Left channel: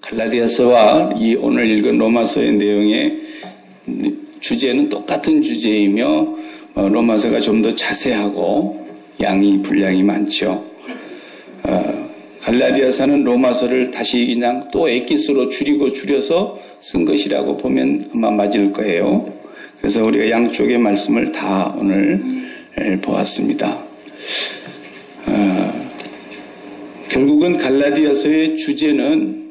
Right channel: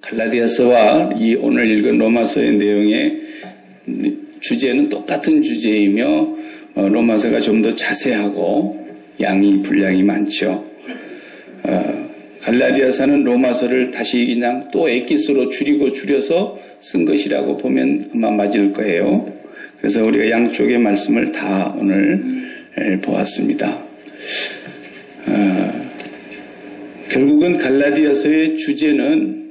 갈라디아서와 이 오늘 읽은 로마서의 내용의 주제는 똑같은 주제이며 로마서가 좀 더 자세하고 분량이 많죠. 갈라디아서는 로마서를 다시 그냥 또 엑기스로 줄여서 쓴 것이라고 보면 아마 맞을 거예요. 그래서 우리가 양쪽의 말씀을 다 오늘 보았습니다. 결국은 갈라디아서의 주제는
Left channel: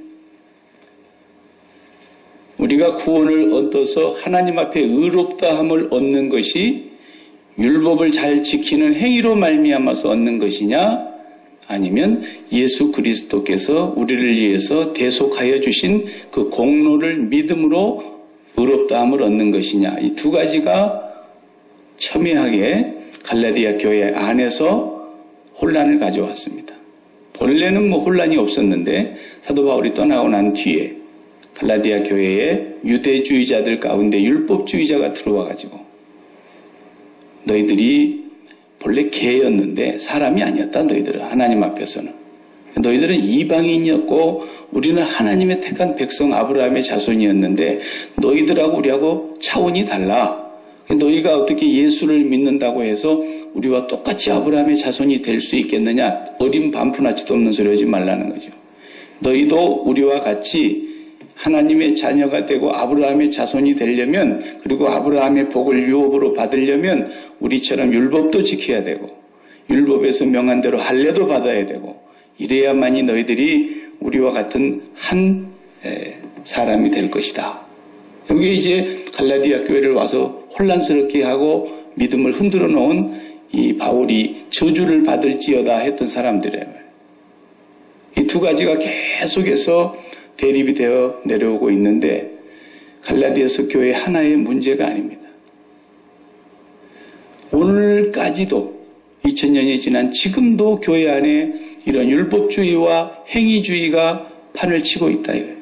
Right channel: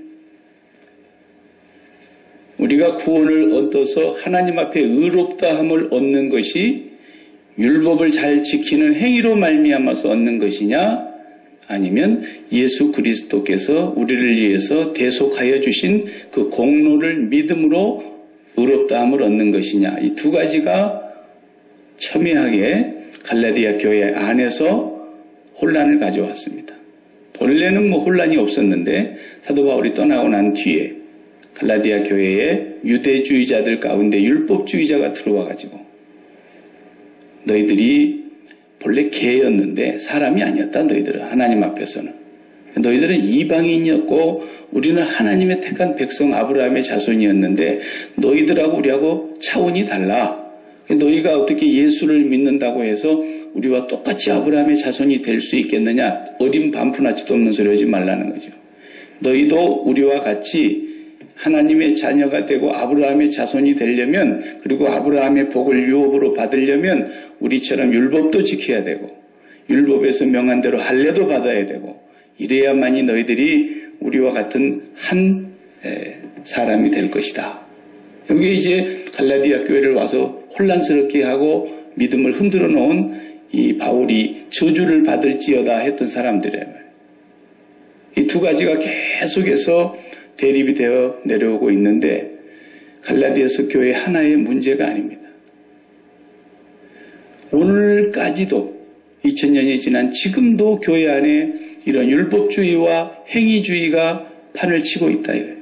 우리가 구원을 얻어서 하나님 앞에 의롭다함을 얻는 것이 율법을 잘 지키는 행위로 말미암아서 얻는 것이냐, 아니면 예수 그리스도께서 우리를 위해서 대속하여 주신 그 공로를 믿음으로 의롭다함을 얻는 것이냐, 이 두 가지가 첨예하게 갈라디아 교회 안에서 혼란을 가져왔습니다. 본래는 혼란이 없었는데 사도 바울이 떠나고 난 뒤에 갈라디아 교회에 유대주의자들 가운데 율법주의자가 들어와가지고 너희들이 본래 개였는데 사람이 아니었다. 너희들은 하나님 앞에서는. 너희들은 이방인이었고 우리는 하나님의 택한 백성 아브라함의 자손이었는데 너희들하고 우리하고 차원이 달라. 너희가 어떻게 예수를 믿는다고 해서 우리와 똑같이 아브라함의 자손이 될 수 있겠느냐. 어린 반푼아치도 없는 소리 하지 말라는 거죠. 너희도 우리와 같이 하나님의 자녀가 되고 아브라함의 자손이 되려면, 그리고 아브라함의 복을 유업으로 받으려면 우리처럼 율법도 지켜야 되고 율법에서 명한 대로 할례도 받아야 되고, 이래야만이 너희들이 우리와 같은 한 사람이 될 것이다. 여기에 이제 갈라디아 교회를 와서 혼란스럽게 하고 믿음을 흔들어 놓은 이 바울이 저주를 받을지어다 했던 사람들이에요. 이 두 가지가 계속해서 대립이 되어 내려오고 있는데 갈라디아서 교회 하나의 문제가 아닙니다. 오늘까지도 2000년이 지난 지금도 교회 안에 이런 율법주의와 행위주의가 판을 치고 있다 이거예요.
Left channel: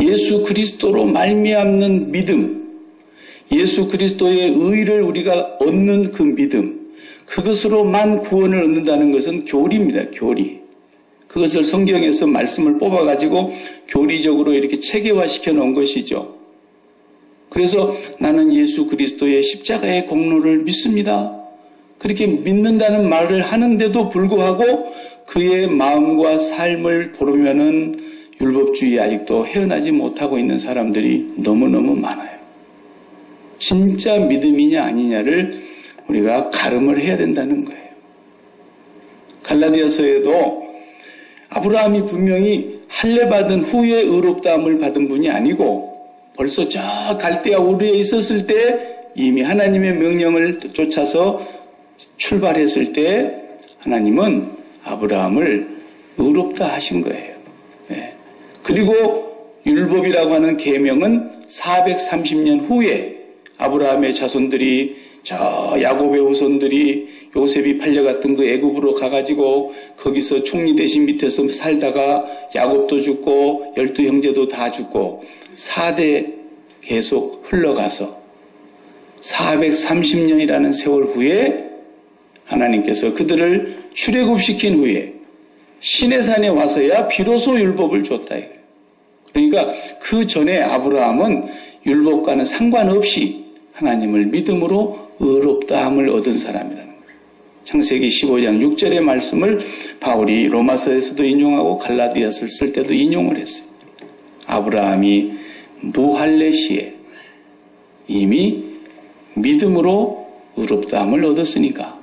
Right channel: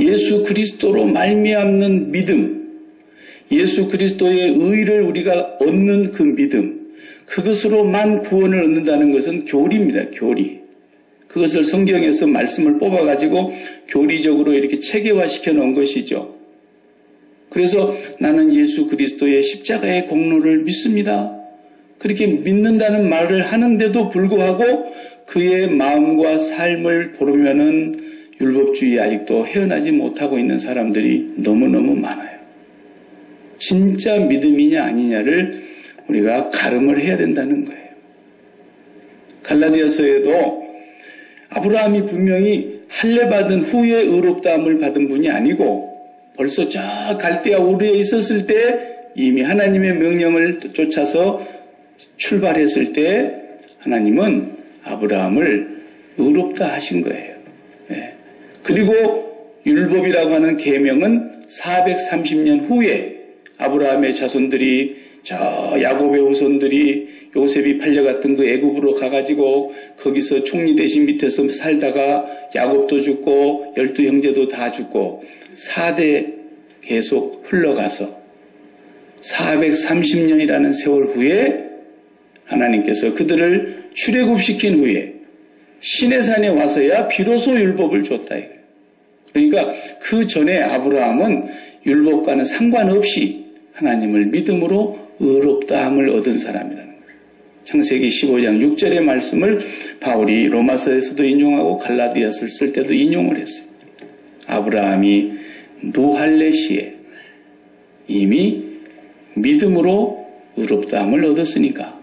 예수 그리스도로 말미암는 믿음, 예수 그리스도의 의를 우리가 얻는 그 믿음, 그것으로만 구원을 얻는다는 것은 교리입니다. 교리. 그것을 성경에서 말씀을 뽑아가지고 교리적으로 이렇게 체계화시켜 놓은 것이죠. 그래서 나는 예수 그리스도의 십자가의 공로를 믿습니다. 그렇게 믿는다는 말을 하는데도 불구하고 그의 마음과 삶을 보면은 율법주의에 아직도 헤어나지 못하고 있는 사람들이 너무너무 많아요. 진짜 믿음이냐 아니냐를 우리가 가름을 해야 된다는 거예요. 갈라디아서에도 아브라함이 분명히 할례 받은 후에 의롭다함을 받은 분이 아니고 벌써 저 갈대아 우르에 있었을 때 이미 하나님의 명령을 쫓아서 출발했을 때 하나님은 아브라함을 의롭다 하신 거예요. 그리고 율법이라고 하는 계명은 430년 후에 아브라함의 자손들이 저 야곱의 후손들이 요셉이 팔려갔던 그 애굽으로 가가지고 거기서 총리 대신 밑에서 살다가 야곱도 죽고 12형제도 다 죽고 4대 계속 흘러가서 430년이라는 세월 후에 하나님께서 그들을 출애굽시킨 후에 시내산에 와서야 비로소 율법을 줬다. 그러니까 그 전에 아브라함은 율법과는 상관없이 하나님을 믿음으로 의롭다함을 얻은 사람이라는 거예요. 창세기 15장 6절의 말씀을 바울이 로마서에서도 인용하고 갈라디아서를 쓸 때도 인용을 했어요. 아브라함이 무할례 시에 이미 믿음으로 의롭다함을 얻었으니까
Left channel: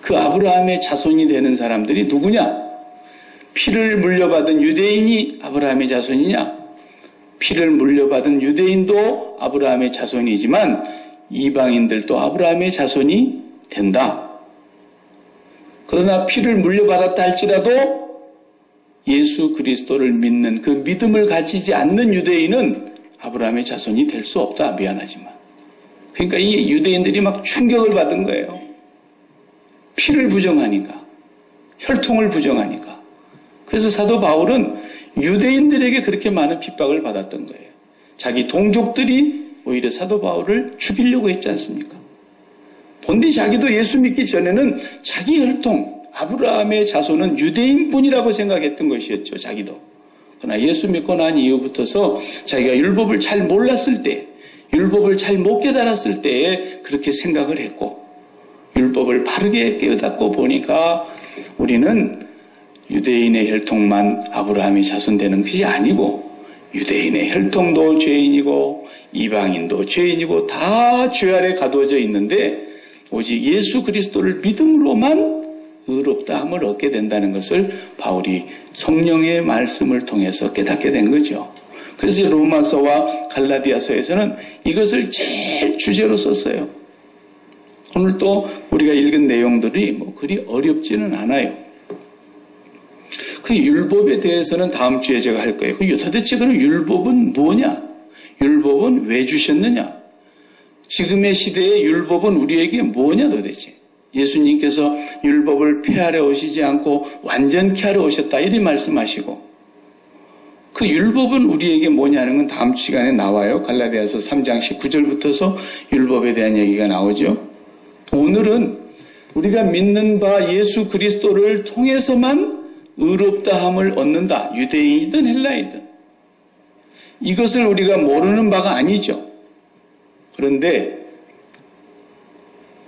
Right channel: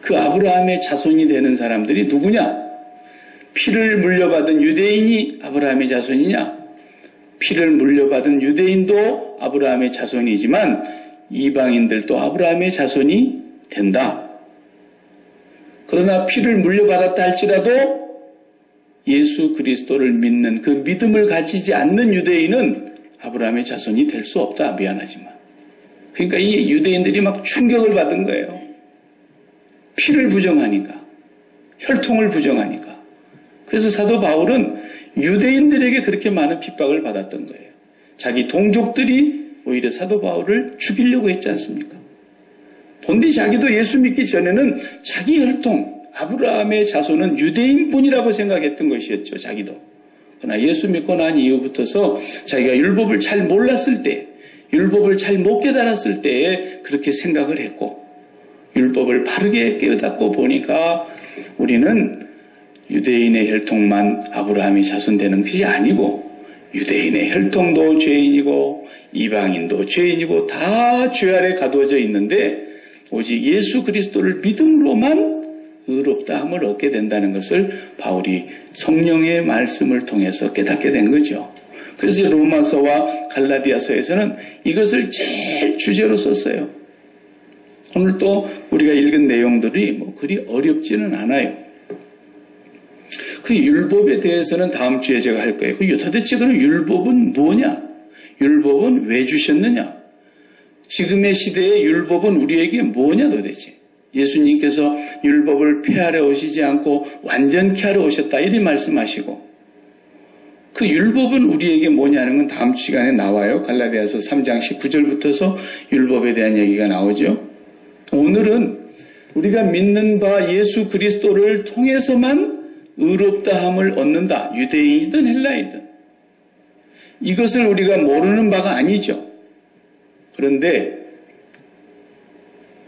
그 아브라함의 자손이 되는 사람들이 누구냐? 피를 물려받은 유대인이 아브라함의 자손이냐? 피를 물려받은 유대인도 아브라함의 자손이지만 이방인들도 아브라함의 자손이 된다. 그러나 피를 물려받았다 할지라도 예수 그리스도를 믿는 그 믿음을 가지지 않는 유대인은 아브라함의 자손이 될 수 없다. 미안하지만. 그러니까 이 유대인들이 막 충격을 받은 거예요. 피를 부정하니까. 혈통을 부정하니까. 그래서 사도 바울은 유대인들에게 그렇게 많은 핍박을 받았던 거예요. 자기 동족들이 오히려 사도 바울을 죽이려고 했지 않습니까? 본디 자기도 예수 믿기 전에는 자기 혈통, 아브라함의 자손은 유대인뿐이라고 생각했던 것이었죠. 자기도. 그러나 예수 믿고 난 이후부터서 자기가 율법을 잘 몰랐을 때, 율법을 잘 못 깨달았을 때에 그렇게 생각을 했고, 율법을 바르게 깨닫고 보니까 우리는 유대인의 혈통만 아브라함이 자손되는 것이 아니고, 유대인의 혈통도 죄인이고 이방인도 죄인이고 다 죄 아래 가두어져 있는데, 오직 예수 그리스도를 믿음으로만 의롭다함을 얻게 된다는 것을 바울이 성령의 말씀을 통해서 깨닫게 된 거죠. 그래서 로마서와 갈라디아서에서는 이것을 제일 주제로 썼어요. 오늘 또 우리가 읽은 내용들이 그리 어렵지는 않아요. 그 율법에 대해서는 다음 주에 제가 할 거예요. 도대체 그럼 율법은 뭐냐? 율법은 왜 주셨느냐? 지금의 시대의 율법은 우리에게 뭐냐 도대체? 예수님께서 율법을 폐하려 오시지 않고 완전케 하려 오셨다 이렇게 말씀하시고, 그 율법은 우리에게 뭐냐는 건 다음 시간에 나와요. 갈라디아서 3장 19절부터서 율법에 대한 얘기가 나오죠. 오늘은 우리가 믿는 바 예수 그리스도를 통해서만 의롭다함을 얻는다. 유대인이든 헬라이든. 이것을 우리가 모르는 바가 아니죠. 그런데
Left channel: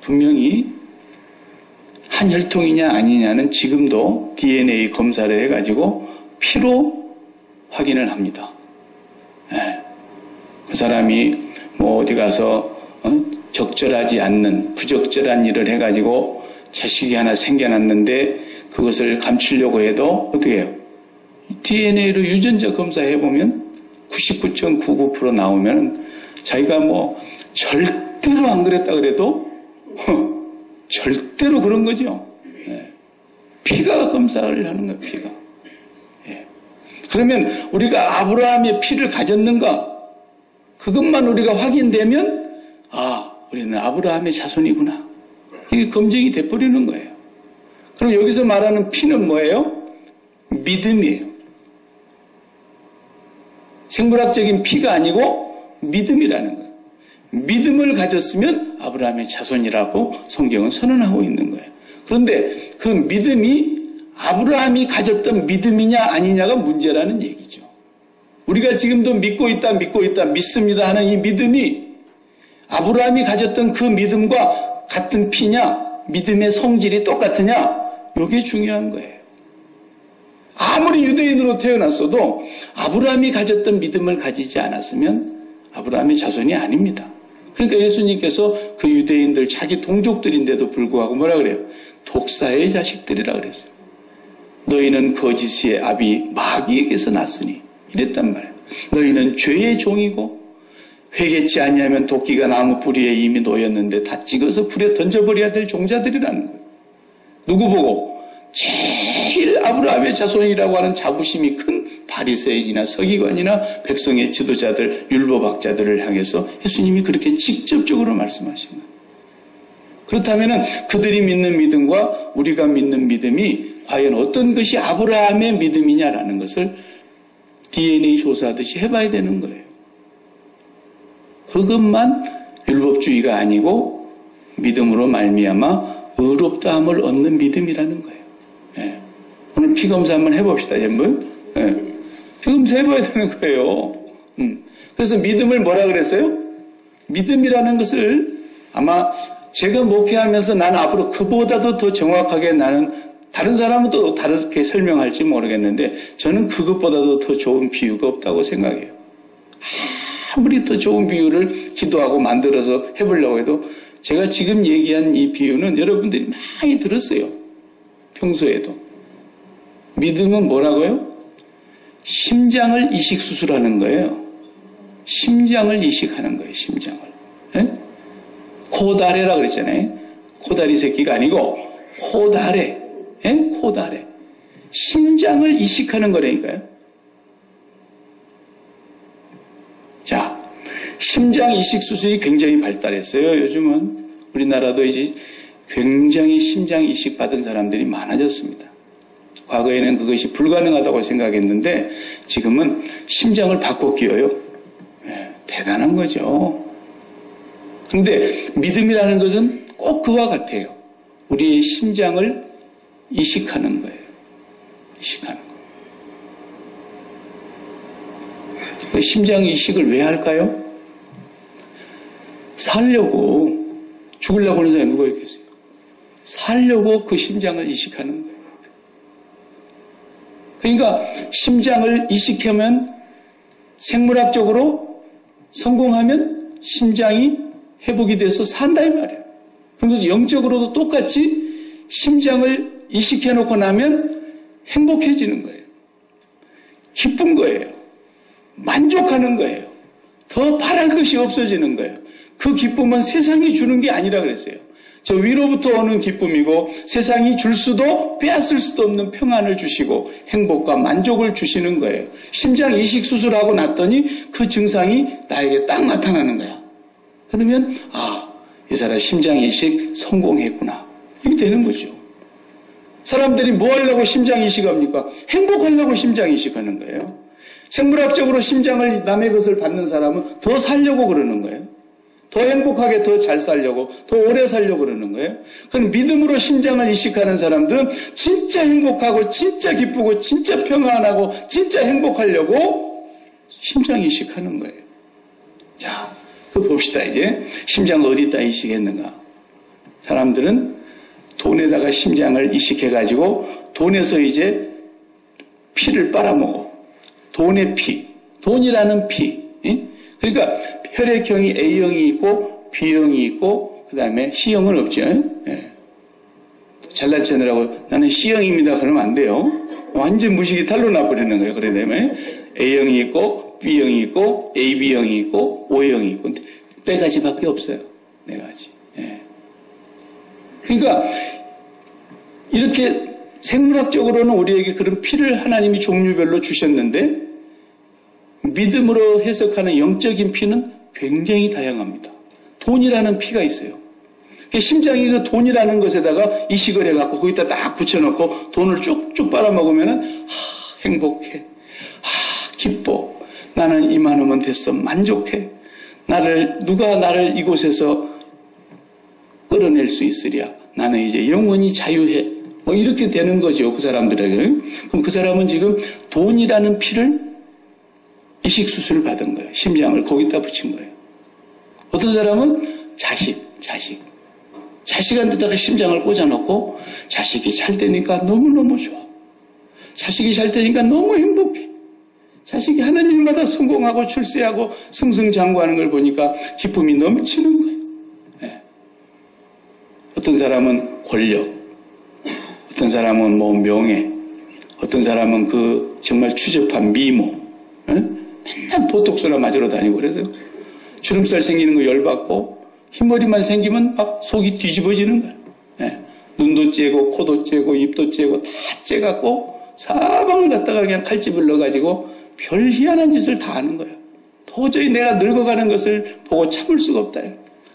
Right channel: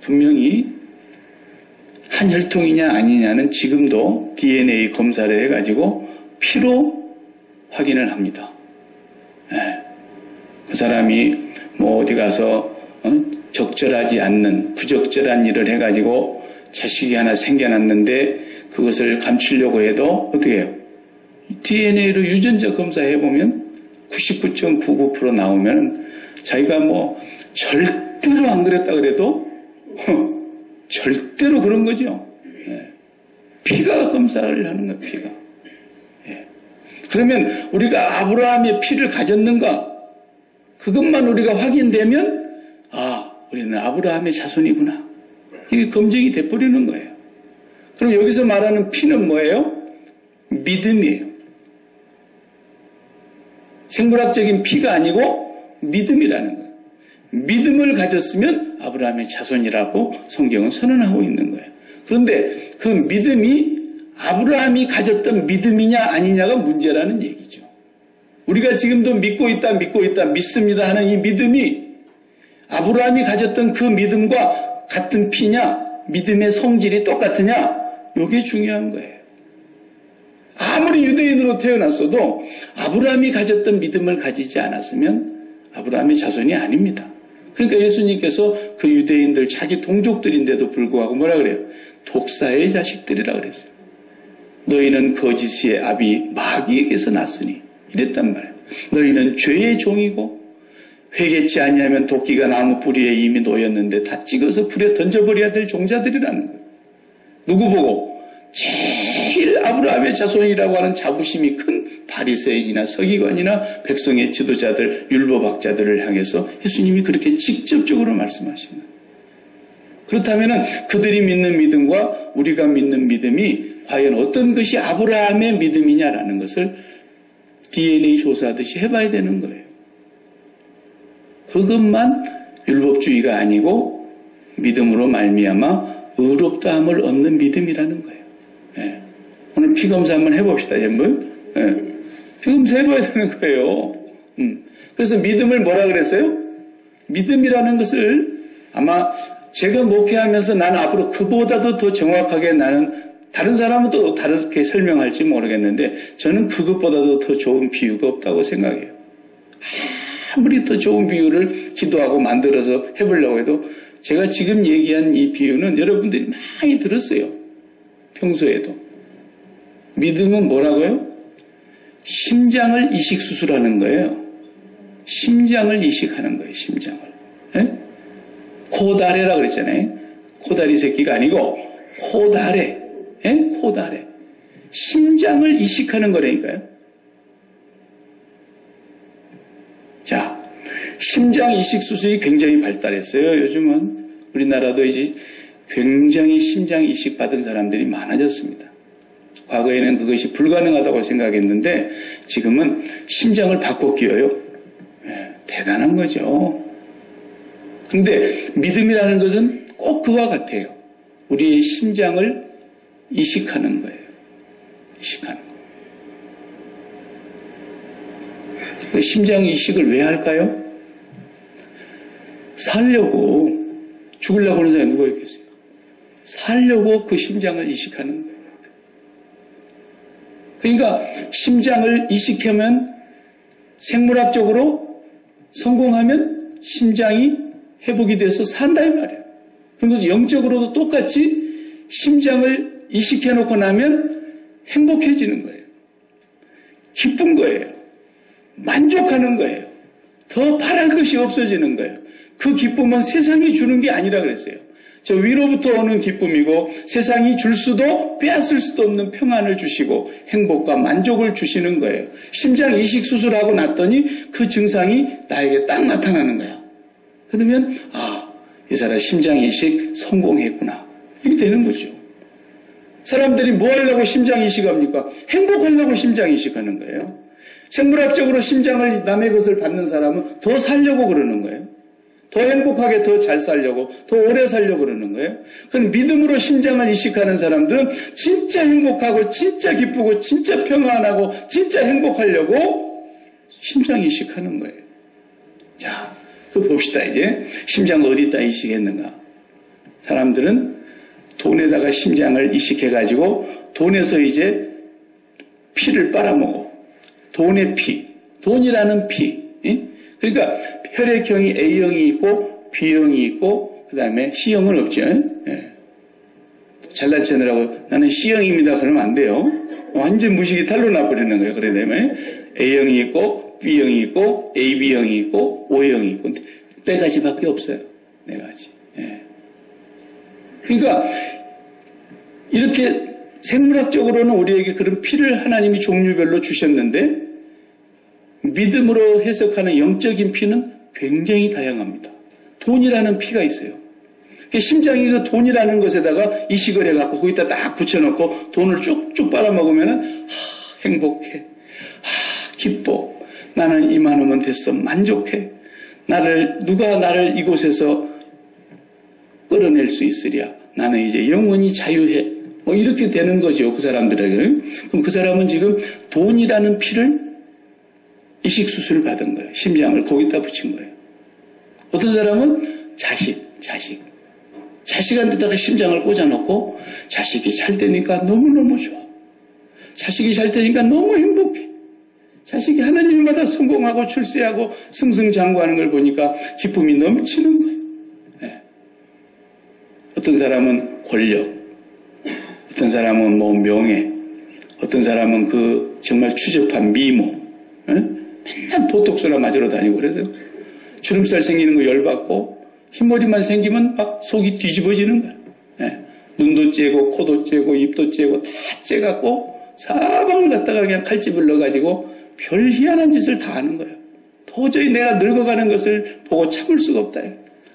분명히 한 혈통이냐 아니냐는 지금도 DNA 검사를 해가지고 피로 확인을 합니다. 그 사람이 어디 가서 적절하지 않는 부적절한 일을 해가지고 자식이 하나 생겨났는데 그것을 감추려고 해도 어떻게 해요? DNA로 유전자 검사해보면 99.99% 나오면 자기가 절대로 안 그랬다 그래도 절대로 그런 거죠. 피가 검사를 하는 거예요. 피가. 그러면 우리가 아브라함의 피를 가졌는가? 그것만 우리가 확인되면 우리는 아브라함의 자손이구나. 이게 검증이 돼버리는 거예요. 그럼 여기서 말하는 피는 뭐예요? 믿음이에요. 생물학적인 피가 아니고 믿음이라는 거예요. 믿음을 가졌으면 아브라함의 자손이라고 성경은 선언하고 있는 거예요. 그런데 그 믿음이 아브라함이 가졌던 믿음이냐 아니냐가 문제라는 얘기죠. 우리가 지금도 믿고 있다, 믿습니다 하는 이 믿음이 아브라함이 가졌던 그 믿음과 같은 피냐, 믿음의 성질이 똑같으냐, 이게 중요한 거예요. 아무리 유대인으로 태어났어도 아브라함이 가졌던 믿음을 가지지 않았으면 아브라함의 자손이 아닙니다. 그러니까 예수님께서 그 유대인들 자기 동족들인데도 불구하고 뭐라 그래요? 독사의 자식들이라 그랬어요. 너희는 거짓의 아비 마귀에게서 났으니 이랬단 말이에요. 너희는 죄의 종이고 회개치 아니하면 도끼가 나무 뿌리에 이미 놓였는데 다 찍어서 불에 던져버려야 될 종자들이라는 거예요. 누구 보고? 제일 아브라함의 자손이라고 하는 자부심이 큰 바리새인이나 서기관이나 백성의 지도자들, 율법학자들을 향해서 예수님이 그렇게 직접적으로 말씀하신 거예요. 그렇다면 그들이 믿는 믿음과 우리가 믿는 믿음이 과연 어떤 것이 아브라함의 믿음이냐라는 것을 DNA 조사하듯이 해봐야 되는 거예요. 그것만 율법주의가 아니고 믿음으로 말미암아 의롭다함을 얻는 믿음이라는 거예요. 오늘 피검사 한번 해봅시다, 여러분. 피검사 해봐야 되는 거예요. 그래서 믿음을 뭐라 그랬어요? 믿음이라는 것을 아마 제가 목회하면서 나는 앞으로 그보다도 더 정확하게 나는 다른 사람은 또 다르게 설명할지 모르겠는데 저는 그것보다도 더 좋은 비유가 없다고 생각해요. 아무리 더 좋은 비유를 기도하고 만들어서 해보려고 해도 제가 지금 얘기한 이 비유는 여러분들이 많이 들었어요. 평소에도. 믿음은 뭐라고요? 심장을 이식수술하는 거예요. 심장을 이식하는 거예요. 심장을. 코다레라 그랬잖아요. 코다리 새끼가 아니고 코다레. 코다레. 심장을 이식하는 거라니까요. 자, 심장 이식 수술이 굉장히 발달했어요. 요즘은 우리나라도 이제 굉장히 심장 이식 받은 사람들이 많아졌습니다. 과거에는 그것이 불가능하다고 생각했는데 지금은 심장을 바꿔 끼워요. 대단한 거죠. 그런데 믿음이라는 것은 꼭 그와 같아요. 우리의 심장을 이식하는 거예요. 이식하는 거. 그 심장 이식을 왜 할까요? 살려고. 죽으려고 하는 사람이 누가 있겠어요? 살려고 그 심장을 이식하는 거예요. 그러니까 심장을 이식하면 생물학적으로 성공하면 심장이 회복이 돼서 산다 이 말이에요. 그래서 영적으로도 똑같이 심장을 이식해놓고 나면 행복해지는 거예요. 기쁜 거예요. 만족하는 거예요. 더 바랄 것이 없어지는 거예요. 그 기쁨은 세상이 주는 게 아니라 그랬어요. 저 위로부터 오는 기쁨이고 세상이 줄 수도 빼앗을 수도 없는 평안을 주시고 행복과 만족을 주시는 거예요. 심장 이식 수술하고 났더니 그 증상이 나에게 딱 나타나는 거야. 그러면 이 사람 심장 이식 성공했구나. 이렇게 되는 거죠. 사람들이 뭐 하려고 심장 이식합니까? 행복하려고 심장 이식하는 거예요. 생물학적으로 심장을 남의 것을 받는 사람은 더 살려고 그러는 거예요. 더 행복하게 더 잘 살려고, 더 오래 살려고 그러는 거예요. 그럼 믿음으로 심장을 이식하는 사람들은 진짜 행복하고, 진짜 기쁘고, 진짜 평안하고, 진짜 행복하려고 심장 이식하는 거예요. 자, 그거 봅시다, 이제. 심장 어디다 이식했는가? 사람들은 돈에다가 심장을 이식해가지고, 돈에서 이제 피를 빨아먹어. 돈의 피. 돈이라는 피. 그러니까 혈액형이 A형이 있고 B형이 있고 그 다음에 C형은 없죠. 예. 잘난 체느라고 나는 C형입니다 그러면 안 돼요. 완전 무식이 탈로 나버리는 거예요. 그래 되면 A형이 있고 B형이 있고 AB형이 있고 O형이 있고 네 가지밖에 없어요. 네 가지. 예. 그러니까 이렇게 생물학적으로는 우리에게 그런 피를 하나님이 종류별로 주셨는데 믿음으로 해석하는 영적인 피는 굉장히 다양합니다. 돈이라는 피가 있어요. 심장이 그 돈이라는 것에다가 이식을 해갖고 거기다 딱 붙여놓고 돈을 쭉쭉 빨아먹으면은 행복해. 기뻐. 나는 이만하면 됐어. 만족해. 누가 나를 이곳에서 끌어낼 수 있으랴. 나는 이제 영원히 자유해. 뭐 이렇게 되는 거죠. 그 사람들에게는. 그럼 그 사람은 지금 돈이라는 피를 이식 수술을 받은 거예요. 심장을 거기다 붙인 거예요. 어떤 사람은 자식한테다가 심장을 꽂아놓고 자식이 잘 되니까 너무너무 좋아. 자식이 잘 되니까 너무 행복해. 자식이 하나님마다 성공하고 출세하고 승승장구하는 걸 보니까 기쁨이 넘치는 거예요. 네. 어떤 사람은 권력, 어떤 사람은 뭐 명예, 어떤 사람은 그 정말 추접한 미모, 네? 맨날 보톡스나 맞으러 다니고 그래서 주름살 생기는 거 열받고 흰머리만 생기면 막 속이 뒤집어지는 거야. 네. 눈도 째고 코도 째고 입도 째고 다 째갖고 사방을 갖다가 그냥 칼집을 넣어가지고 별 희한한 짓을 다 하는 거야. 도저히 내가 늙어가는 것을 보고 참을 수가 없다.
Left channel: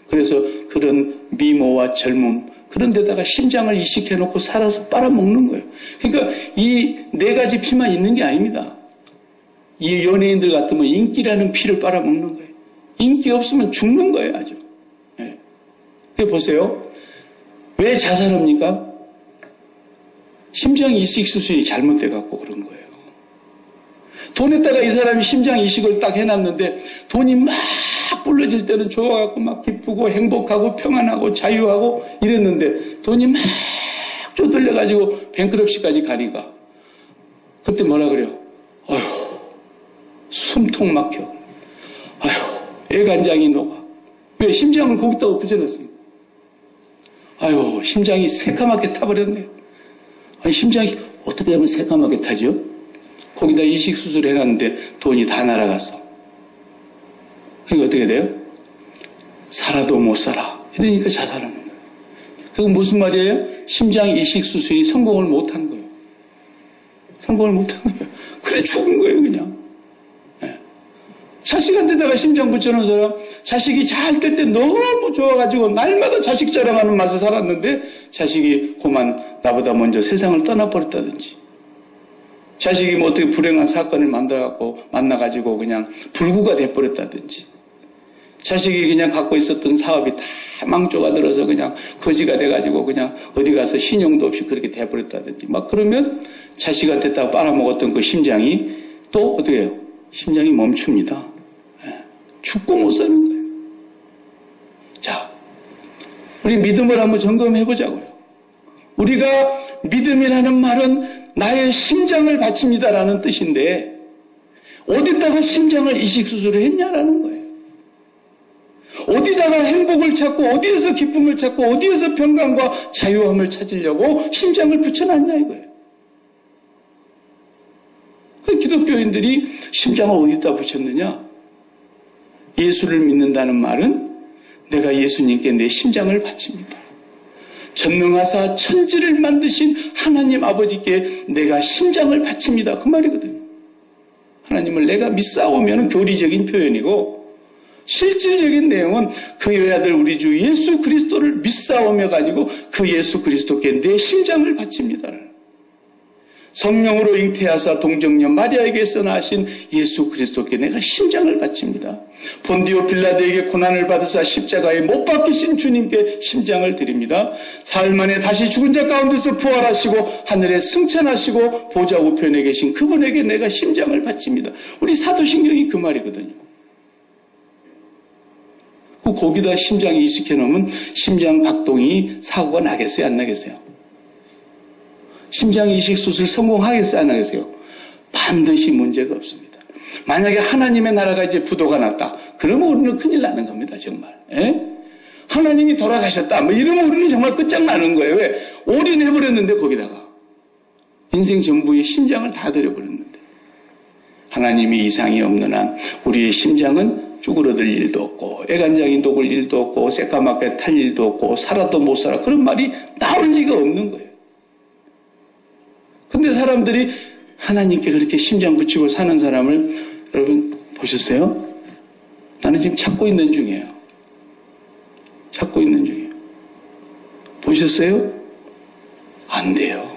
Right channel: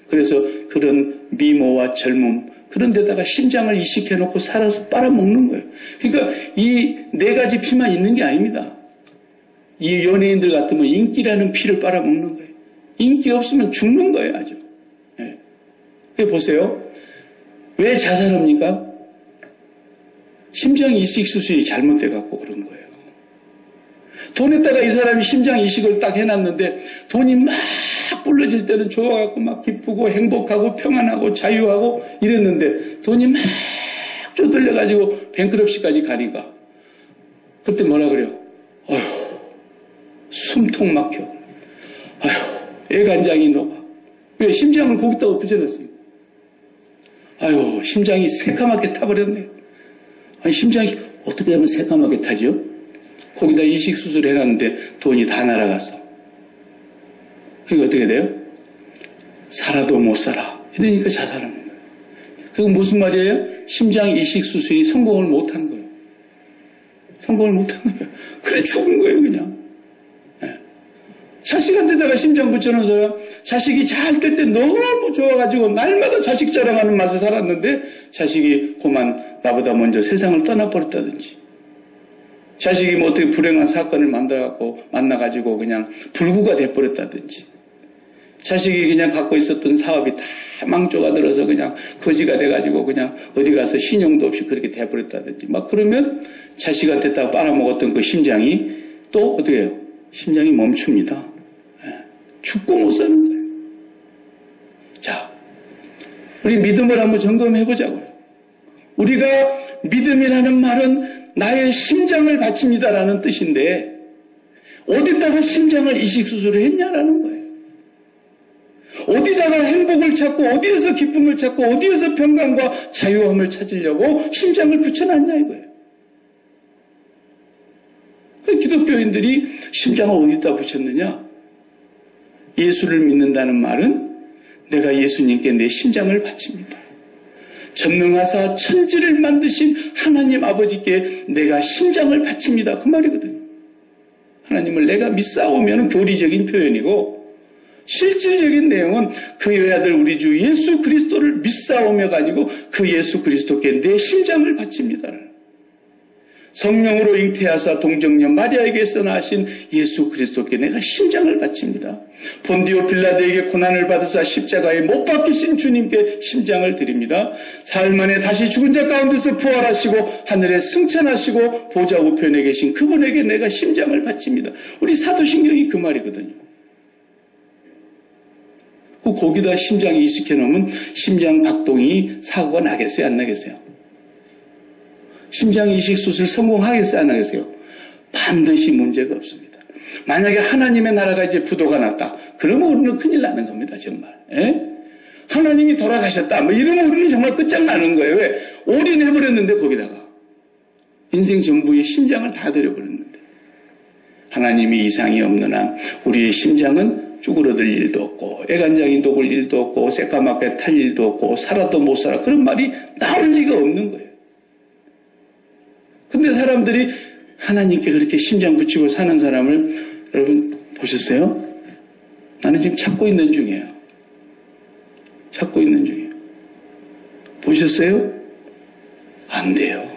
그래서 그런 미모와 젊음 그런 데다가 심장을 이식해놓고 살아서 빨아먹는 거예요. 그러니까 이 네 가지 피만 있는 게 아닙니다. 이 연예인들 같으면 인기라는 피를 빨아먹는 거예요. 인기 없으면 죽는 거예요, 아주. 네. 보세요. 왜 자살합니까? 심장 이식 수술이 잘못돼갖고 그런 거예요. 돈에다가 이 사람이 심장 이식을 딱 해놨는데 돈이 막 불러질 때는 좋아갖고 막 기쁘고 행복하고 평안하고 자유하고 이랬는데 돈이 막 쪼들려가지고 뱅크럽시까지 가니까 그때 뭐라 그래요? 어휴. 숨통 막혀. 아휴, 애간장이 녹아. 왜? 심장을 거기다가 붙여놨습니다. 아휴, 심장이 새까맣게 타버렸네. 아니, 심장이 어떻게 하면 새까맣게 타죠? 거기다 이식 수술 해놨는데 돈이 다 날아갔어. 그러니까 어떻게 돼요? 살아도 못 살아. 이러니까 자살하는 거예요. 그건 무슨 말이에요? 심장 이식 수술이 성공을 못한 거예요. 성공을 못한 거예요. 그래, 죽은 거예요, 그냥. 자식한테다가 심장 붙여놓은 사람, 자식이 잘 될 때 너무 좋아가지고 날마다 자식 자랑하는 맛에 살았는데 자식이 그만 나보다 먼저 세상을 떠나버렸다든지 자식이 뭐 어떻게 불행한 사건을 만나가지고 그냥 불구가 돼버렸다든지 자식이 그냥 갖고 있었던 사업이 다 망조가 들어서 그냥 거지가 돼가지고 그냥 어디 가서 신용도 없이 그렇게 돼버렸다든지 막 그러면 자식한테 다 빨아먹었던 그 심장이 또 어떻게 해요? 심장이 멈춥니다. 죽고 못 사는 거예요. 자, 우리 믿음을 한번 점검해 보자고요. 우리가 믿음이라는 말은 나의 심장을 바칩니다라는 뜻인데 어디다가 심장을 이식수술을 했냐라는 거예요. 어디다가 행복을 찾고 어디에서 기쁨을 찾고 어디에서 평강과 자유함을 찾으려고 심장을 붙여놨냐 이거예요. 그 기독교인들이 심장을 어디다 붙였느냐? 예수를 믿는다는 말은 내가 예수님께 내 심장을 바칩니다. 전능하사 천지를 만드신 하나님 아버지께 내가 심장을 바칩니다. 그 말이거든요. 하나님을 내가 믿사오면 교리적인 표현이고 실질적인 내용은 그 외아들 우리 주 예수 그리스도를 믿사오며가 아니고 그 예수 그리스도께 내 심장을 바칩니다. 성령으로 잉태하사 동정녀 마리아에게서 나신 예수 그리스도께 내가 심장을 바칩니다. 본디오 빌라도에게 고난을 받으사 십자가에 못 박히신 주님께 심장을 드립니다. 사흘 만에 다시 죽은 자 가운데서 부활하시고 하늘에 승천하시고 보좌 우편에 계신 그분에게 내가 심장을 바칩니다. 우리 사도신경이 그 말이거든요. 거기다 심장에 이식해 놓으면 심장 박동이 사고가 나겠어요? 안 나겠어요? 심장 이식 수술 성공하겠어요? 안 하겠어요? 반드시 문제가 없습니다. 만약에 하나님의 나라가 이제 부도가 났다. 그러면 우리는 큰일 나는 겁니다. 정말. 에? 하나님이 돌아가셨다. 뭐 이러면 우리는 정말 끝장나는 거예요. 왜? 올인해버렸는데 거기다가. 인생 전부의 심장을 다 들여버렸는데. 하나님이 이상이 없는 한 우리의 심장은 쭈그러들 일도 없고 애간장이 녹을 일도 없고 새까맣게 탈 일도 없고 살아도 못 살아. 그런 말이 나올 리가 없는 거예요. 근데 사람들이 하나님께 그렇게 심장 붙이고 사는 사람을 여러분 보셨어요? 나는 지금 찾고 있는 중이에요. 찾고 있는 중이에요. 보셨어요? 안 돼요.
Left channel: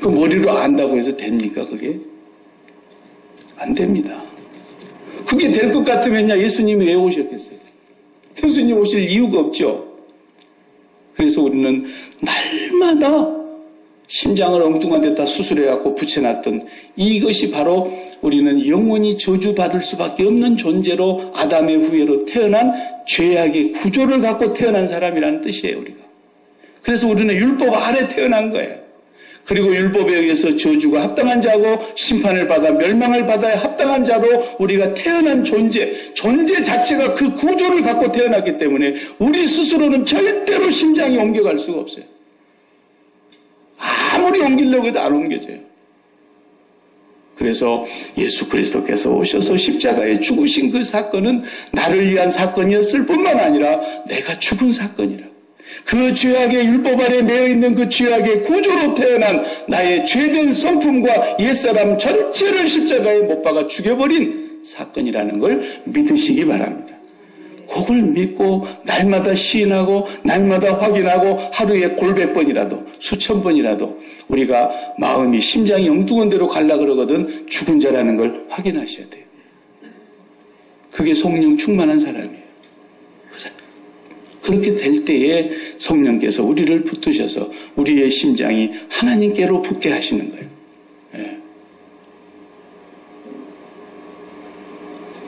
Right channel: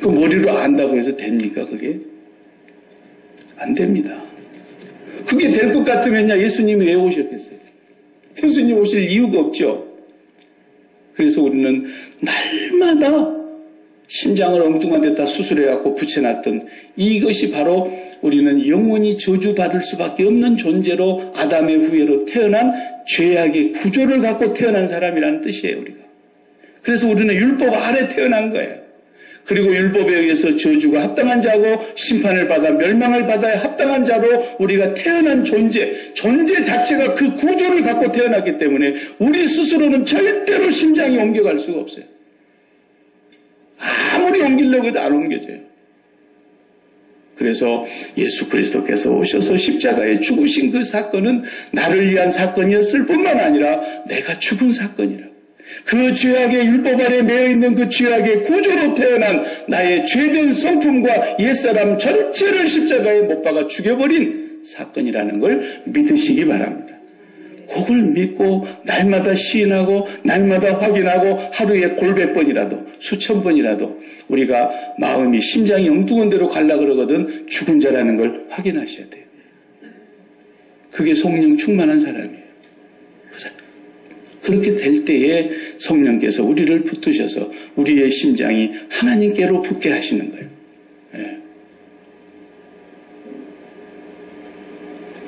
그 머리로 안다고 해서 됩니까 그게? 안 됩니다. 그게 될 것 같으면요 예수님이 왜 오셨겠어요? 예수님 오실 이유가 없죠. 그래서 우리는 날마다 심장을 엉뚱한 데다 수술해갖고 붙여놨던 이것이 바로 우리는 영원히 저주받을 수밖에 없는 존재로 아담의 후예로 태어난 죄악의 구조를 갖고 태어난 사람이라는 뜻이에요. 우리가. 그래서 우리는 율법 아래 태어난 거예요. 그리고 율법에 의해서 저주가 합당한 자고 심판을 받아 멸망을 받아야 합당한 자로 우리가 태어난 존재 자체가 그 구조를 갖고 태어났기 때문에 우리 스스로는 절대로 심장이 옮겨갈 수가 없어요. 아무리 옮기려고 해도 안 옮겨져요. 그래서 예수 그리스도께서 오셔서 십자가에 죽으신 그 사건은 나를 위한 사건이었을 뿐만 아니라 내가 죽은 사건이라. 그 죄악의 율법 아래 매여있는 그 죄악의 구조로 태어난 나의 죄된 성품과 옛사람 전체를 십자가에 못 박아 죽여버린 사건이라는 걸 믿으시기 바랍니다. 그걸 믿고 날마다 시인하고 날마다 확인하고 하루에 골백 번이라도 수천 번이라도 우리가 마음이 심장이 엉뚱한 데로 갈라 그러거든 죽은 자라는 걸 확인하셔야 돼요. 그게 성령 충만한 사람이에요. 그렇게 될 때에 성령께서 우리를 붙드셔서 우리의 심장이 하나님께로 붙게 하시는 거예요. 예.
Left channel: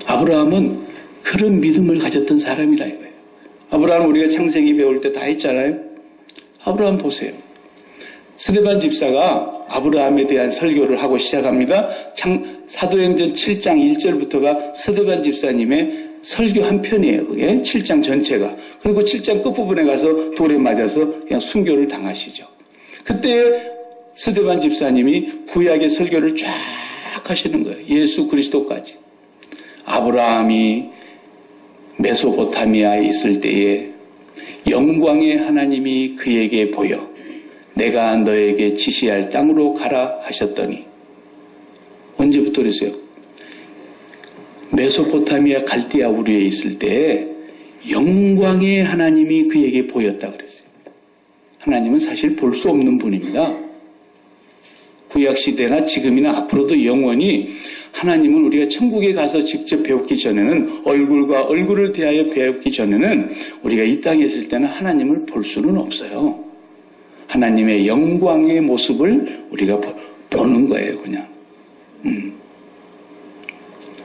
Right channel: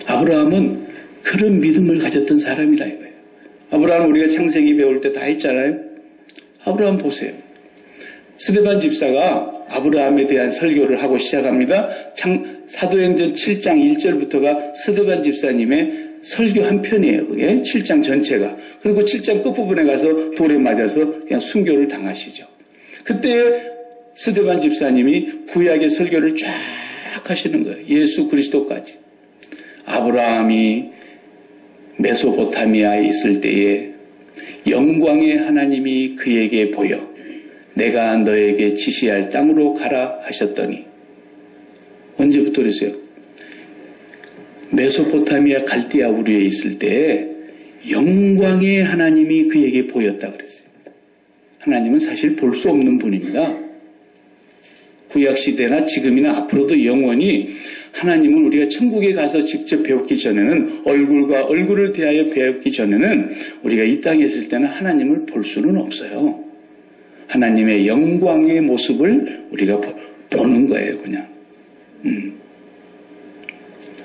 아브라함은 그런 믿음을 가졌던 사람이라 이거예요. 아브라함 우리가 창세기 배울 때 다 했잖아요. 아브라함 보세요. 스데반 집사가 아브라함에 대한 설교를 하고 시작합니다. 사도행전 7장 1절부터가 스데반 집사님의 설교 한 편이에요. 그게 7장 전체가. 그리고 7장 끝부분에 가서 돌에 맞아서 그냥 순교를 당하시죠. 그때 스데반 집사님이 구약의 설교를 쫙 하시는 거예요. 예수 그리스도까지. 아브라함이 메소포타미아에 있을 때에 영광의 하나님이 그에게 보여 내가 너에게 지시할 땅으로 가라 하셨더니 언제부터 그랬어요? 메소포타미아 갈대아 우르에 있을 때 영광의 하나님이 그에게 보였다 그랬어요. 하나님은 사실 볼 수 없는 분입니다. 구약시대나 지금이나 앞으로도 영원히 하나님은 우리가 천국에 가서 직접 배우기 전에는 얼굴과 얼굴을 대하여 배우기 전에는 우리가 이 땅에 있을 때는 하나님을 볼 수는 없어요. 하나님의 영광의 모습을 우리가 보는 거예요. 그냥.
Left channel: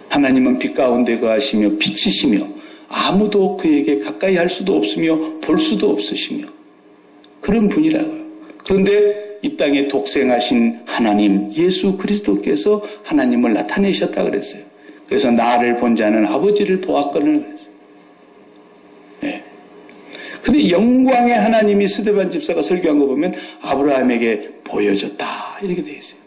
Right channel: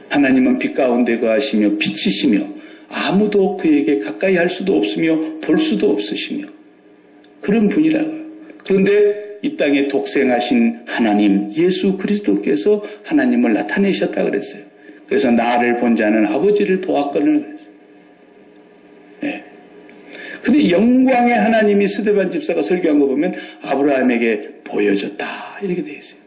하나님은 빛 가운데 거하시며 빛이시며 아무도 그에게 가까이 할 수도 없으며 볼 수도 없으시며 그런 분이라고요. 그런데 이 땅에 독생하신 하나님 예수 그리스도께서 하나님을 나타내셨다 그랬어요. 그래서 나를 본 자는 아버지를 보았거늘 그랬어요. 네. 근데 영광의 하나님이 스데반 집사가 설교한 거 보면 아브라함에게 보여줬다 이렇게 되어 있어요.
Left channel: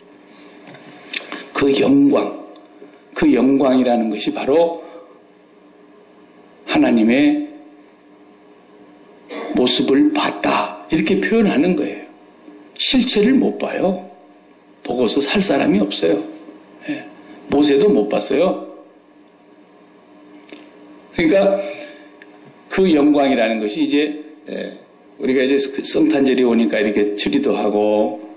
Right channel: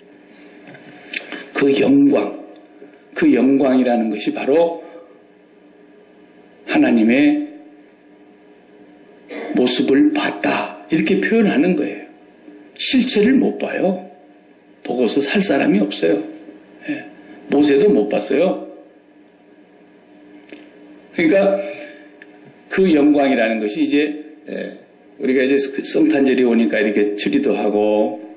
그 영광이라는 것이 바로 하나님의 모습을 봤다 이렇게 표현하는 거예요. 실체를 못 봐요. 보고서 살 사람이 없어요. 예. 모세도 못 봤어요. 그러니까 그 영광이라는 것이 이제 우리가 이제 성탄절이 오니까 이렇게 트리도 하고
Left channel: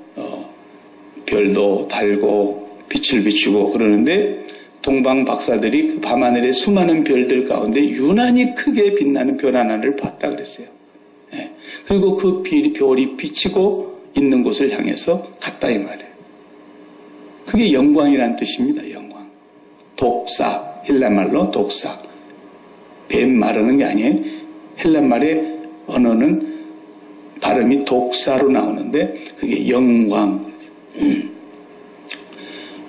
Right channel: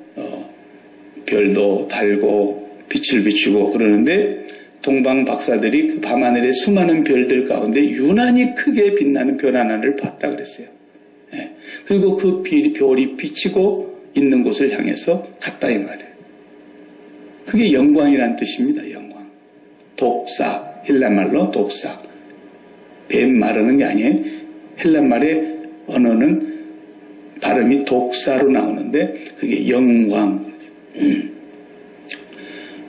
별도 달고 빛을 비추고 그러는데 동방 박사들이 그 밤하늘의 수많은 별들 가운데 유난히 크게 빛나는 별 하나를 봤다 그랬어요. 예. 그리고 그 별이 비치고 있는 곳을 향해서 갔다 이 말이에요. 그게 영광이라는 뜻입니다. 영광. 독사, 헬라말로 독사. 뱀 말하는 게 아니에요. 헬라말의 언어는 발음이 독사로 나오는데 그게 영광.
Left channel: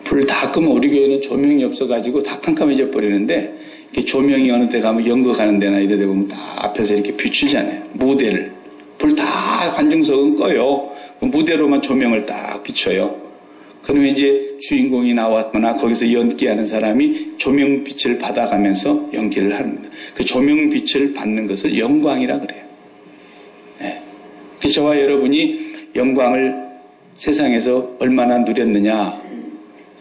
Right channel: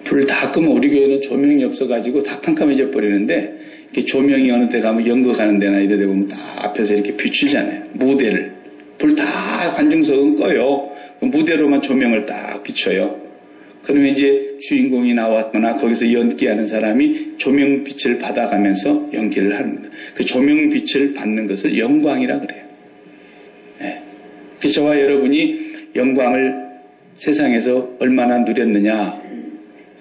불 다 끄면 우리 교회는 조명이 없어가지고 다 깜깜해져 버리는데 이렇게 조명이 어느 데 가면 연극하는 데나 이런 데 보면 다 앞에서 이렇게 비추잖아요. 무대를. 불 다 관중석은 꺼요. 무대로만 조명을 딱 비춰요. 그러면 이제 주인공이 나왔거나 거기서 연기하는 사람이 조명빛을 받아가면서 연기를 합니다. 그 조명빛을 받는 것을 영광이라 그래요. 네. 저와 여러분이 영광을 세상에서 얼마나 누렸느냐.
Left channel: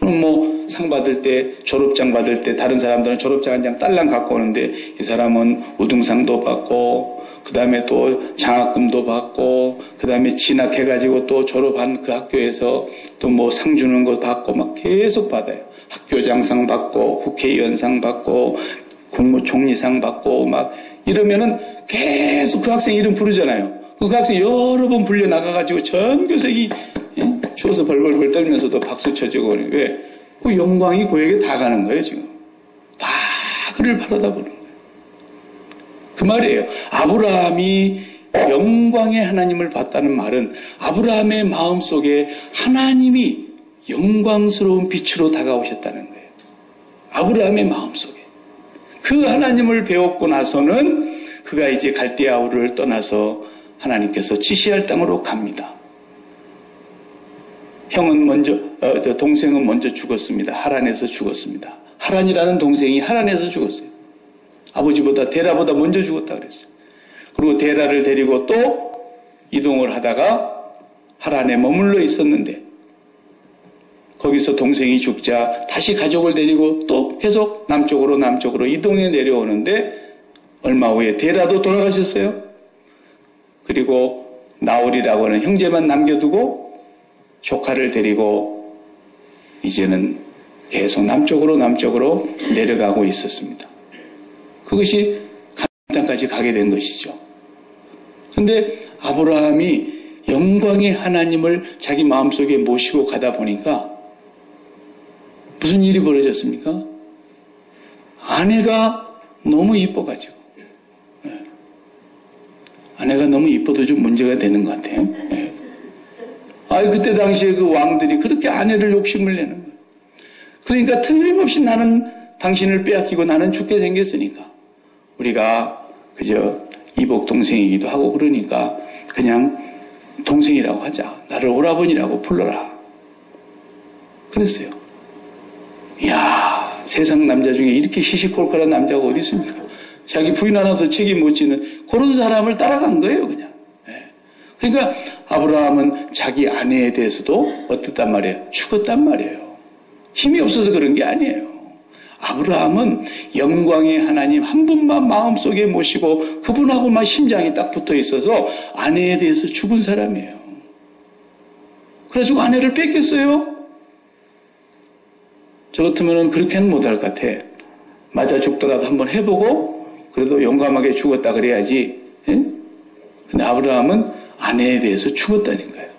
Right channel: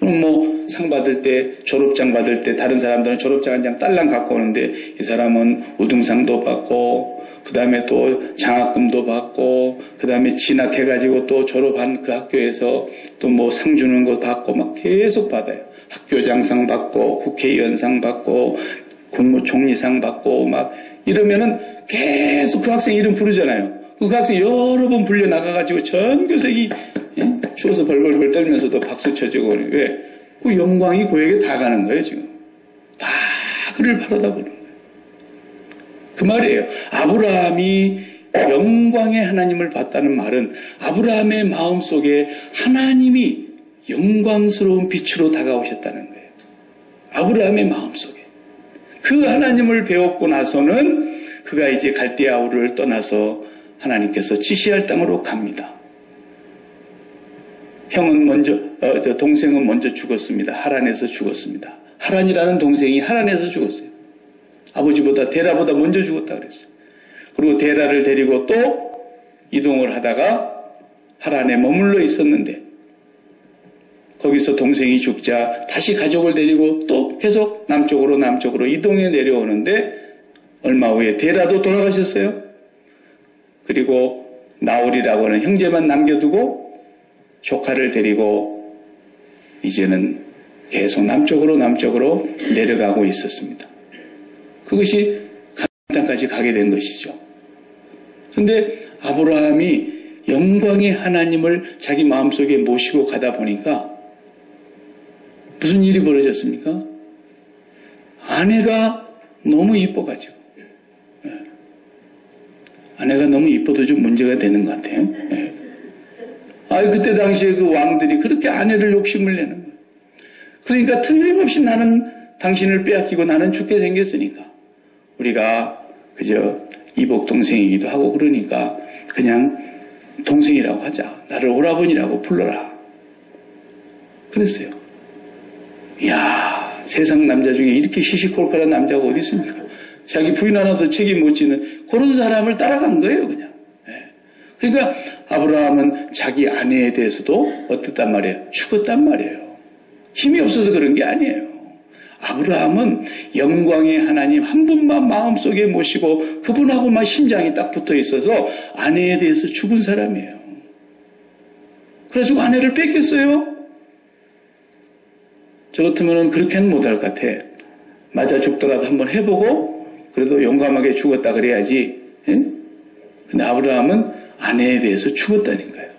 그럼 뭐 상 받을 때, 졸업장 받을 때 다른 사람들은 졸업장 한 장 딸랑 갖고 오는데 이 사람은 우등상도 받고 그 다음에 또 장학금도 받고 그 다음에 진학해가지고 또 졸업한 그 학교에서 또 뭐 상 주는 거 받고 막 계속 받아요. 학교장상 받고 국회의원상 받고 국무총리상 받고 막 이러면은 계속 그 학생 이름 부르잖아요. 그 학생 여러 번 불려 나가가지고 전 교색이 추워서 벌벌벌 떨면서도 박수 쳐주고 왜? 그 영광이 그에게 다 가는 거예요 지금. 다 그를 바라다 보는 거예요. 그 말이에요. 아브라함이 영광의 하나님을 봤다는 말은 아브라함의 마음속에 하나님이 영광스러운 빛으로 다가오셨다는 거예요. 아브라함의 마음속에. 그 하나님을 배웠고 나서는 그가 이제 갈대아 우르를 떠나서 하나님께서 지시할 땅으로 갑니다. 동생은 먼저 죽었습니다. 하란에서 죽었습니다. 하란이라는 동생이 하란에서 죽었어요. 아버지보다 데라보다 먼저 죽었다 그랬어요. 그리고 데라를 데리고 또 이동을 하다가 하란에 머물러 있었는데 거기서 동생이 죽자 다시 가족을 데리고 또 계속 남쪽으로 이동해 내려오는데 얼마 후에 데라도 돌아가셨어요. 그리고 나홀이라고 하는 형제만 남겨두고 조카를 데리고 이제는 계속 남쪽으로 내려가고 있었습니다. 그것이 가나안 땅까지 가게 된 것이죠. 그런데 아브라함이 영광의 하나님을 자기 마음속에 모시고 가다 보니까 무슨 일이 벌어졌습니까? 아내가 너무 이뻐가지고 아내가 너무 이뻐도 좀 문제가 되는 것 같아요. 그때 당시에 그 왕들이 그렇게 아내를 욕심을 내는 거예요. 그러니까 틀림없이 나는 당신을 빼앗기고 나는 죽게 생겼으니까 우리가 그저 이복 동생이기도 하고 그러니까 그냥 동생이라고 하자. 나를 오라버니라고 불러라. 그랬어요. 이야, 세상 남자 중에 이렇게 시시콜콜한 남자가 어디 있습니까? 자기 부인 하나도 책임 못 지는 그런 사람을 따라간 거예요, 그냥. 그러니까 아브라함은 자기 아내에 대해서도 어땠단 말이에요? 죽었단 말이에요. 힘이 없어서 그런 게 아니에요. 아브라함은 영광의 하나님 한 분만 마음속에 모시고 그분하고만 심장이 딱 붙어 있어서 아내에 대해서 죽은 사람이에요. 그래가지고 아내를 뺏겼어요. 저 같으면 그렇게는 못할 것 같아. 맞아 죽더라도 한번 해보고 그래도 용감하게 죽었다 그래야지. 근데 아브라함은 아내에 대해서 죽었다는 거예요.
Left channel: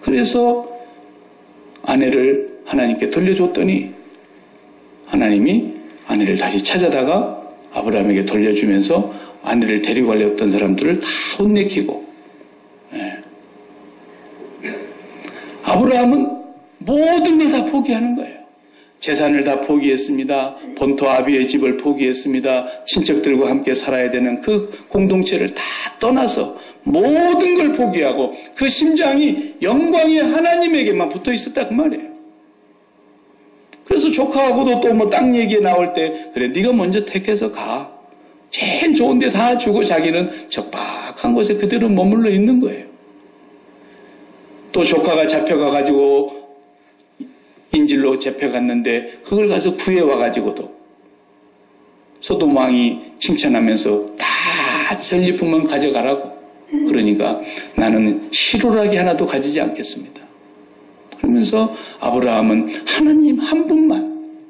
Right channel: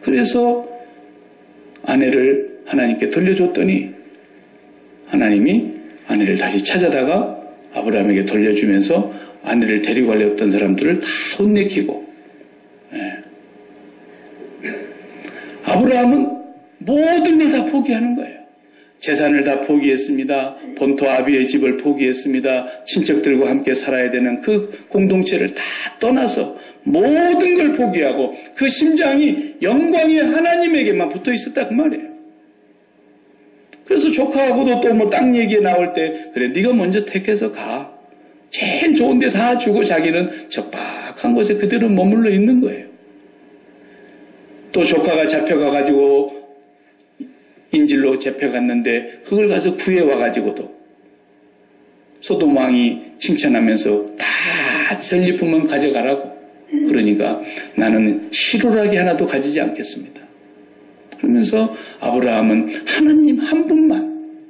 그래서 아내를 하나님께 돌려줬더니 하나님이 아내를 다시 찾아다가 아브라함에게 돌려주면서 아내를 데리고 가려던 사람들을 다 혼내키고, 예. 아브라함은 모든 걸 다 포기하는 거예요. 재산을 다 포기했습니다. 본토 아비의 집을 포기했습니다. 친척들과 함께 살아야 되는 그 공동체를 다 떠나서 모든 걸 포기하고 그 심장이 영광의 하나님에게만 붙어 있었다 그 말이에요. 그래서 조카하고도 또 뭐 땅 얘기 나올 때 그래 네가 먼저 택해서 가. 제일 좋은 데 다 주고 자기는 적박한 곳에 그대로 머물러 있는 거예요. 또 조카가 잡혀가가지고 인질로 잡혀갔는데 그걸 가서 구해와가지고도 소돔 왕이 칭찬하면서 다 전리품만 가져가라고. 그러니까 나는 희로라기 하나도 가지지 않겠습니다. 그러면서 아브라함은 하나님 한 분만.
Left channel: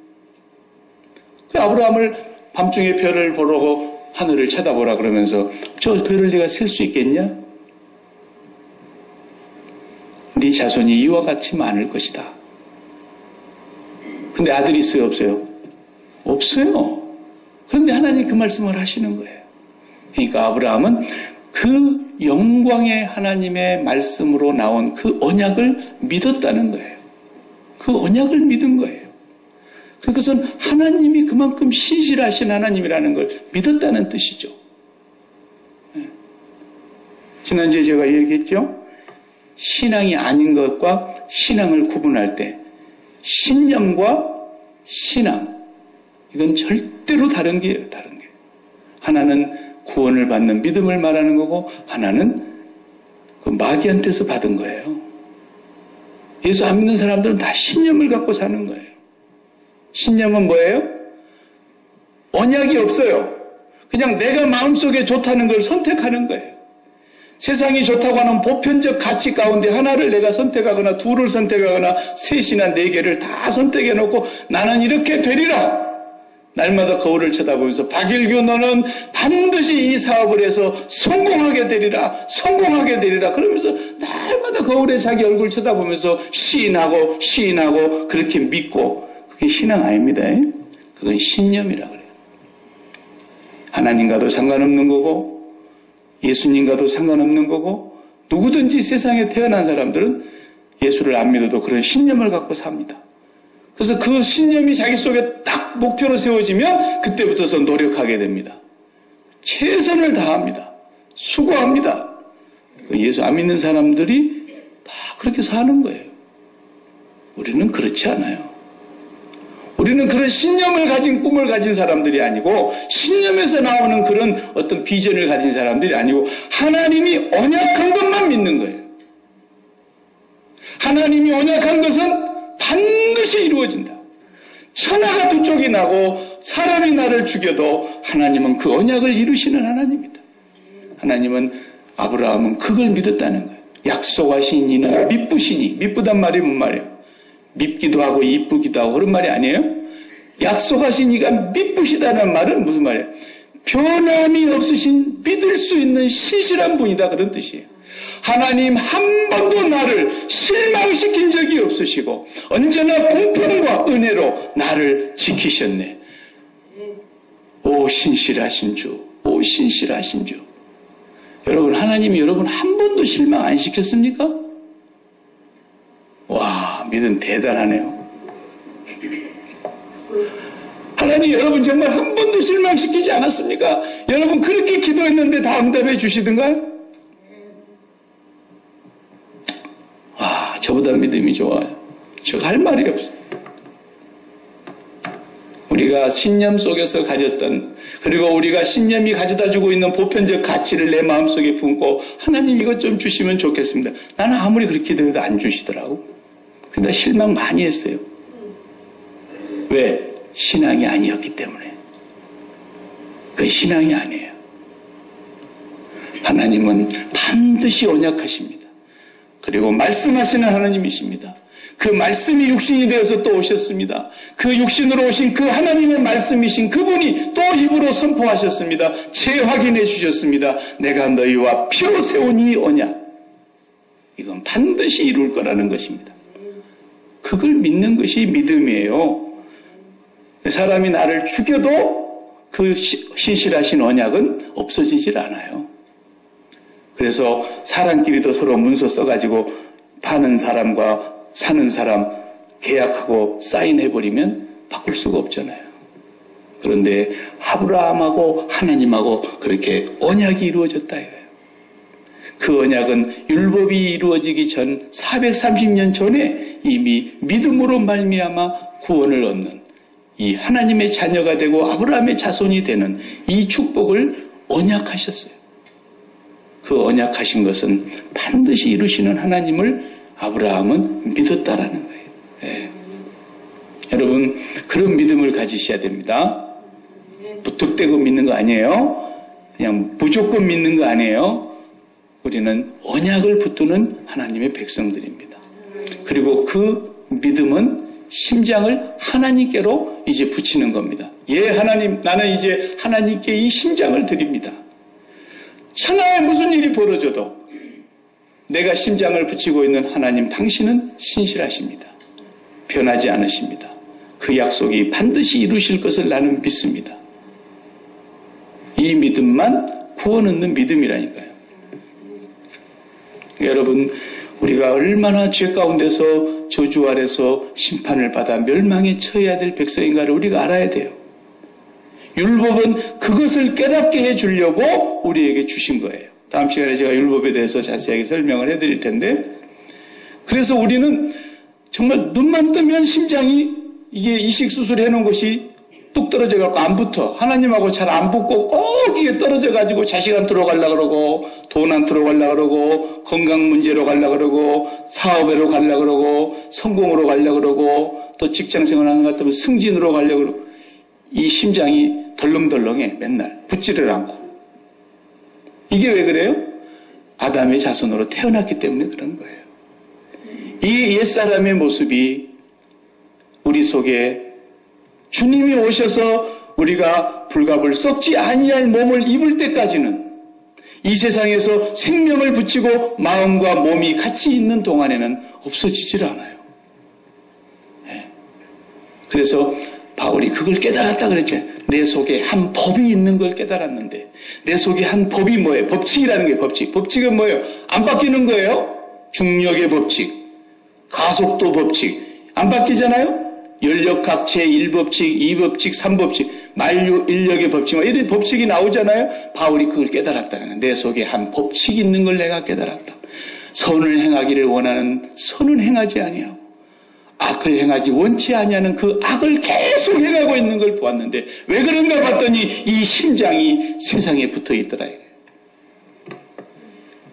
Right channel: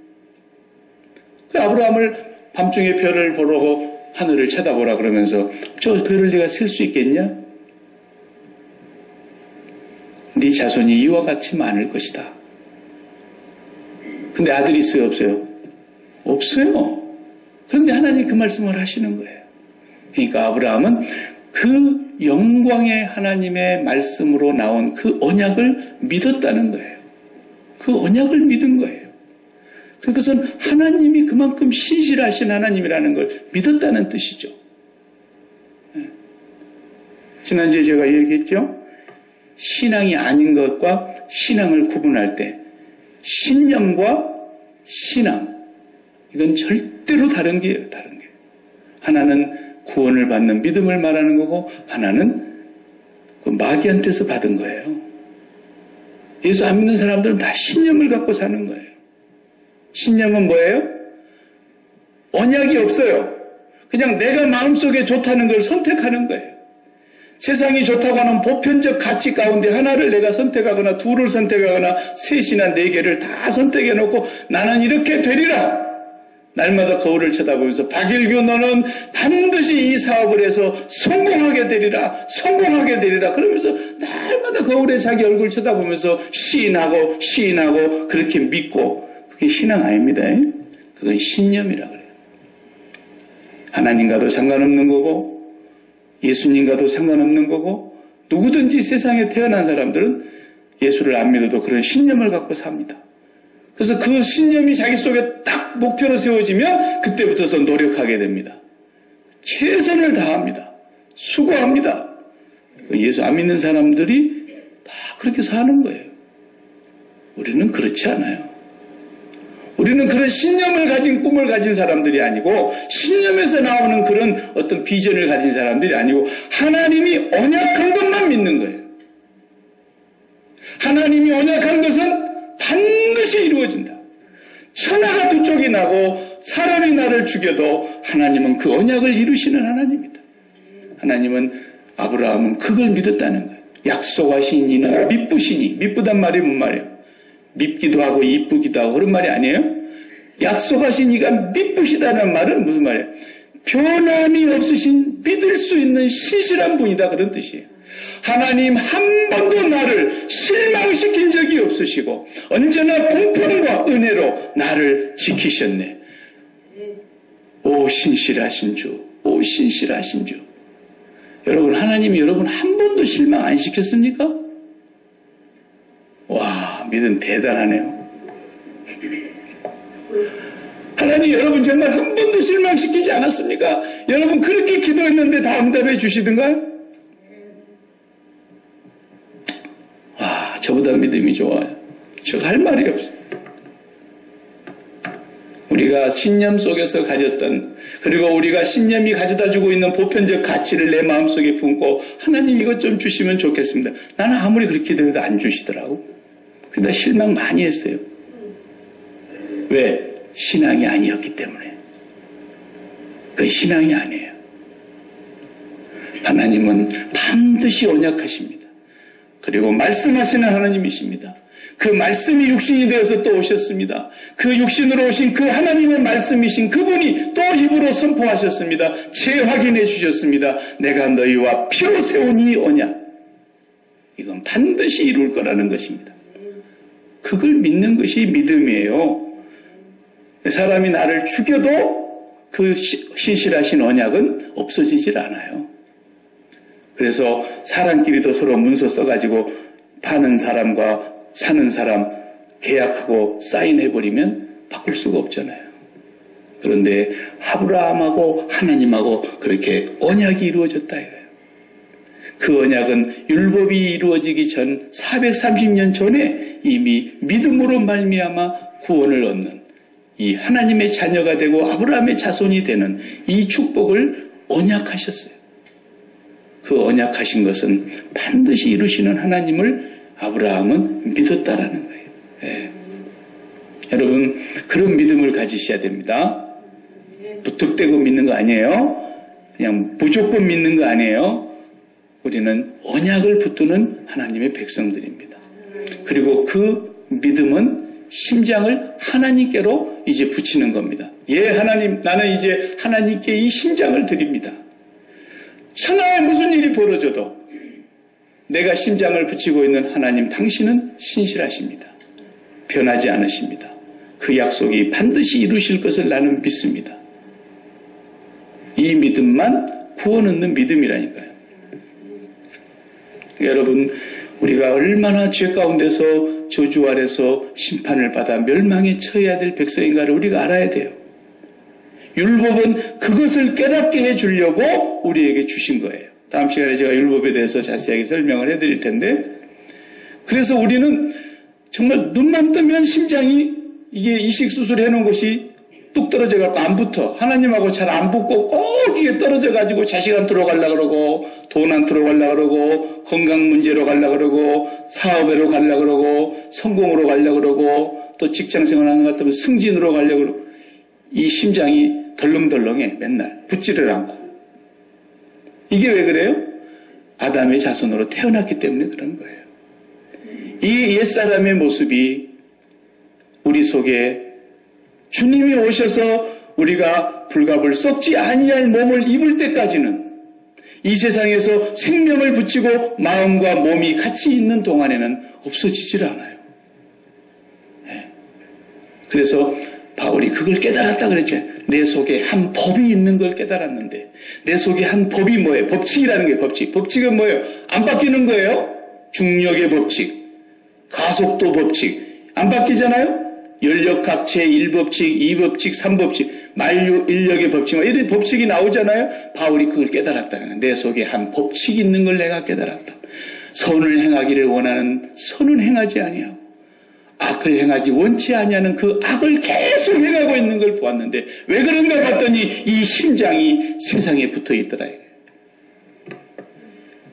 아브라함을 밤중에 별을 보러 하늘을 쳐다보라 그러면서 저 별을 네가 셀 수 있겠냐? 네 자손이 이와 같이 많을 것이다. 근데 아들이 있어요, 없어요? 없어요. 그런데 하나님이 그 말씀을 하시는 거예요. 그러니까 아브라함은 그 영광의 하나님의 말씀으로 나온 그 언약을 믿었다는 거예요. 그 언약을 믿은 거예요. 그것은 하나님이 그만큼 신실하신 하나님이라는 걸 믿었다는 뜻이죠. 지난주에 제가 얘기했죠. 신앙이 아닌 것과 신앙을 구분할 때 신념과 신앙, 이건 절대로 다른 게예요. 다른 게. 하나는 구원을 받는 믿음을 말하는 거고 하나는 그 마귀한테서 받은 거예요. 예수 안 믿는 사람들은 다 신념을 갖고 사는 거예요. 신념은 뭐예요? 언약이 없어요. 그냥 내가 마음속에 좋다는 걸 선택하는 거예요. 세상이 좋다고 하는 보편적 가치 가운데 하나를 내가 선택하거나 둘을 선택하거나 셋이나 네 개를 다 선택해놓고 나는 이렇게 되리라. 날마다 거울을 쳐다보면서 박일규 너는 반드시 이 사업을 해서 성공하게 되리라. 성공하게 되리라. 그러면서 날마다 거울에 자기 얼굴 쳐다보면서 시인하고 그렇게 믿고 그게 신앙 아닙니다. 그건 신념이라 그래요. 하나님과도 상관없는 거고 예수님과도 상관없는 거고 누구든지 세상에 태어난 사람들은 예수를 안 믿어도 그런 신념을 갖고 삽니다. 그래서 그 신념이 자기 속에 딱 목표로 세워지면 그때부터서 노력하게 됩니다. 최선을 다합니다. 수고합니다. 예수 안 믿는 사람들이 다 그렇게 사는 거예요. 우리는 그렇지 않아요. 우리는 그런 신념을 가진 꿈을 가진 사람들이 아니고 신념에서 나오는 그런 어떤 비전을 가진 사람들이 아니고 하나님이 언약한 것만 믿는 거예요. 하나님이 언약한 것은 반드시 이루어진다. 천하가 두 쪽이 나고 사람이 나를 죽여도 하나님은 그 언약을 이루시는 하나님이다. 하나님은 아브라함은 그걸 믿었다는 거예요. 약속하신 이는 미쁘시니. 미쁘단 말이 뭔 말이에요? 밉기도 하고 이쁘기도 하고 그런 말이 아니에요? 약속하신 이가 미쁘시다는 말은 무슨 말이에요? 변함이 없으신 믿을 수 있는 신실한 분이다 그런 뜻이에요. 하나님 한 번도 나를 실망시킨 적이 없으시고 언제나 공평과 은혜로 나를 지키셨네. 오 신실하신 주, 오 신실하신 주. 여러분 하나님이 여러분 한 번도 실망 안 시켰습니까? 와 믿음 대단하네요. 하나님 여러분 정말 한 번도 실망시키지 않았습니까? 여러분 그렇게 기도했는데 다 응답해 주시던가요? 와 저보다 믿음이 좋아요. 저 할 말이 없어요. 우리가 신념 속에서 가졌던 그리고 우리가 신념이 가져다주고 있는 보편적 가치를 내 마음속에 품고 하나님 이것 좀 주시면 좋겠습니다. 나는 아무리 그렇게 기도해도 안 주시더라고. 그러다 실망 많이 했어요. 왜? 신앙이 아니었기 때문에. 그건 신앙이 아니에요. 하나님은 반드시 언약하십니다. 그리고 말씀하시는 하나님이십니다. 그 말씀이 육신이 되어서 또 오셨습니다. 그 육신으로 오신 그 하나님의 말씀이신 그분이 또 입으로 선포하셨습니다. 재확인해 주셨습니다. 내가 너희와 피로 세운 이 언약. 이건 반드시 이룰 거라는 것입니다. 그걸 믿는 것이 믿음이에요. 사람이 나를 죽여도 그 신실하신 언약은 없어지질 않아요. 그래서 사람끼리도 서로 문서 써가지고 파는 사람과 사는 사람 계약하고 사인해버리면 바꿀 수가 없잖아요. 그런데 아브라함하고 하나님하고 그렇게 언약이 이루어졌다 이거예요. 그 언약은 율법이 이루어지기 전 430년 전에 이미 믿음으로 말미암아 구원을 얻는 이 하나님의 자녀가 되고 아브라함의 자손이 되는 이 축복을 언약하셨어요. 그 언약하신 것은 반드시 이루시는 하나님을 아브라함은 믿었다라는 거예요. 예. 여러분 그런 믿음을 가지셔야 됩니다. 무턱대고 믿는 거 아니에요. 그냥 무조건 믿는 거 아니에요. 우리는 언약을 붙드는 하나님의 백성들입니다. 그리고 그 믿음은 심장을 하나님께로 이제 붙이는 겁니다. 예, 하나님, 나는 이제 하나님께 이 심장을 드립니다. 천하에 무슨 일이 벌어져도 내가 심장을 붙이고 있는 하나님, 당신은 신실하십니다. 변하지 않으십니다. 그 약속이 반드시 이루실 것을 나는 믿습니다. 이 믿음만 구원 얻는 믿음이라니까요. 여러분, 우리가 얼마나 죄 가운데서 저주 아래서 심판을 받아 멸망에 처해야 될 백성인가를 우리가 알아야 돼요. 율법은 그것을 깨닫게 해주려고 우리에게 주신 거예요. 다음 시간에 제가 율법에 대해서 자세하게 설명을 해드릴 텐데, 그래서 우리는 정말 눈만 뜨면 심장이 이게 이식수술 해놓은 것이 뚝 떨어져갖고 안 붙어. 하나님하고 잘 안 붙고 꼭 이게 떨어져가지고 자식 안 들어가려고 그러고, 돈 안 들어가려고 그러고, 건강 문제로 가려고 그러고, 사업으로 가려고 그러고, 성공으로 가려고 그러고, 또 직장생활 하는 것 같으면 승진으로 가려고 그러고, 이 심장이 덜렁덜렁해, 맨날. 붙지를 않고. 이게 왜 그래요? 아담의 자손으로 태어났기 때문에 그런 거예요. 이 옛사람의 모습이 우리 속에 주님이 오셔서 우리가 불갑을 썩지 아니할 몸을 입을 때까지는 이 세상에서 생명을 붙이고 마음과 몸이 같이 있는 동안에는 없어지질 않아요. 네. 그래서 바울이 그걸 깨달았다 그랬죠. 내 속에 한 법이 있는 걸 깨달았는데, 내 속에 한 법이 뭐예요? 법칙이라는 게 법칙. 법칙은 뭐예요? 안 바뀌는 거예요. 중력의 법칙, 가속도 법칙 안 바뀌잖아요. 연력학체 1법칙, 2법칙, 3법칙, 만류 인력의 법칙, 이런 법칙이 나오잖아요. 바울이 그걸 깨달았다는 거예요. 내 속에 한 법칙이 있는 걸 내가 깨달았다. 선을 행하기를 원하는 선은 행하지 아니하고 악을 행하지 원치 아니하는 그 악을 계속 행하고 있는 걸 보았는데, 왜 그런가 봤더니 이 심장이 세상에 붙어 있더라 이거예요.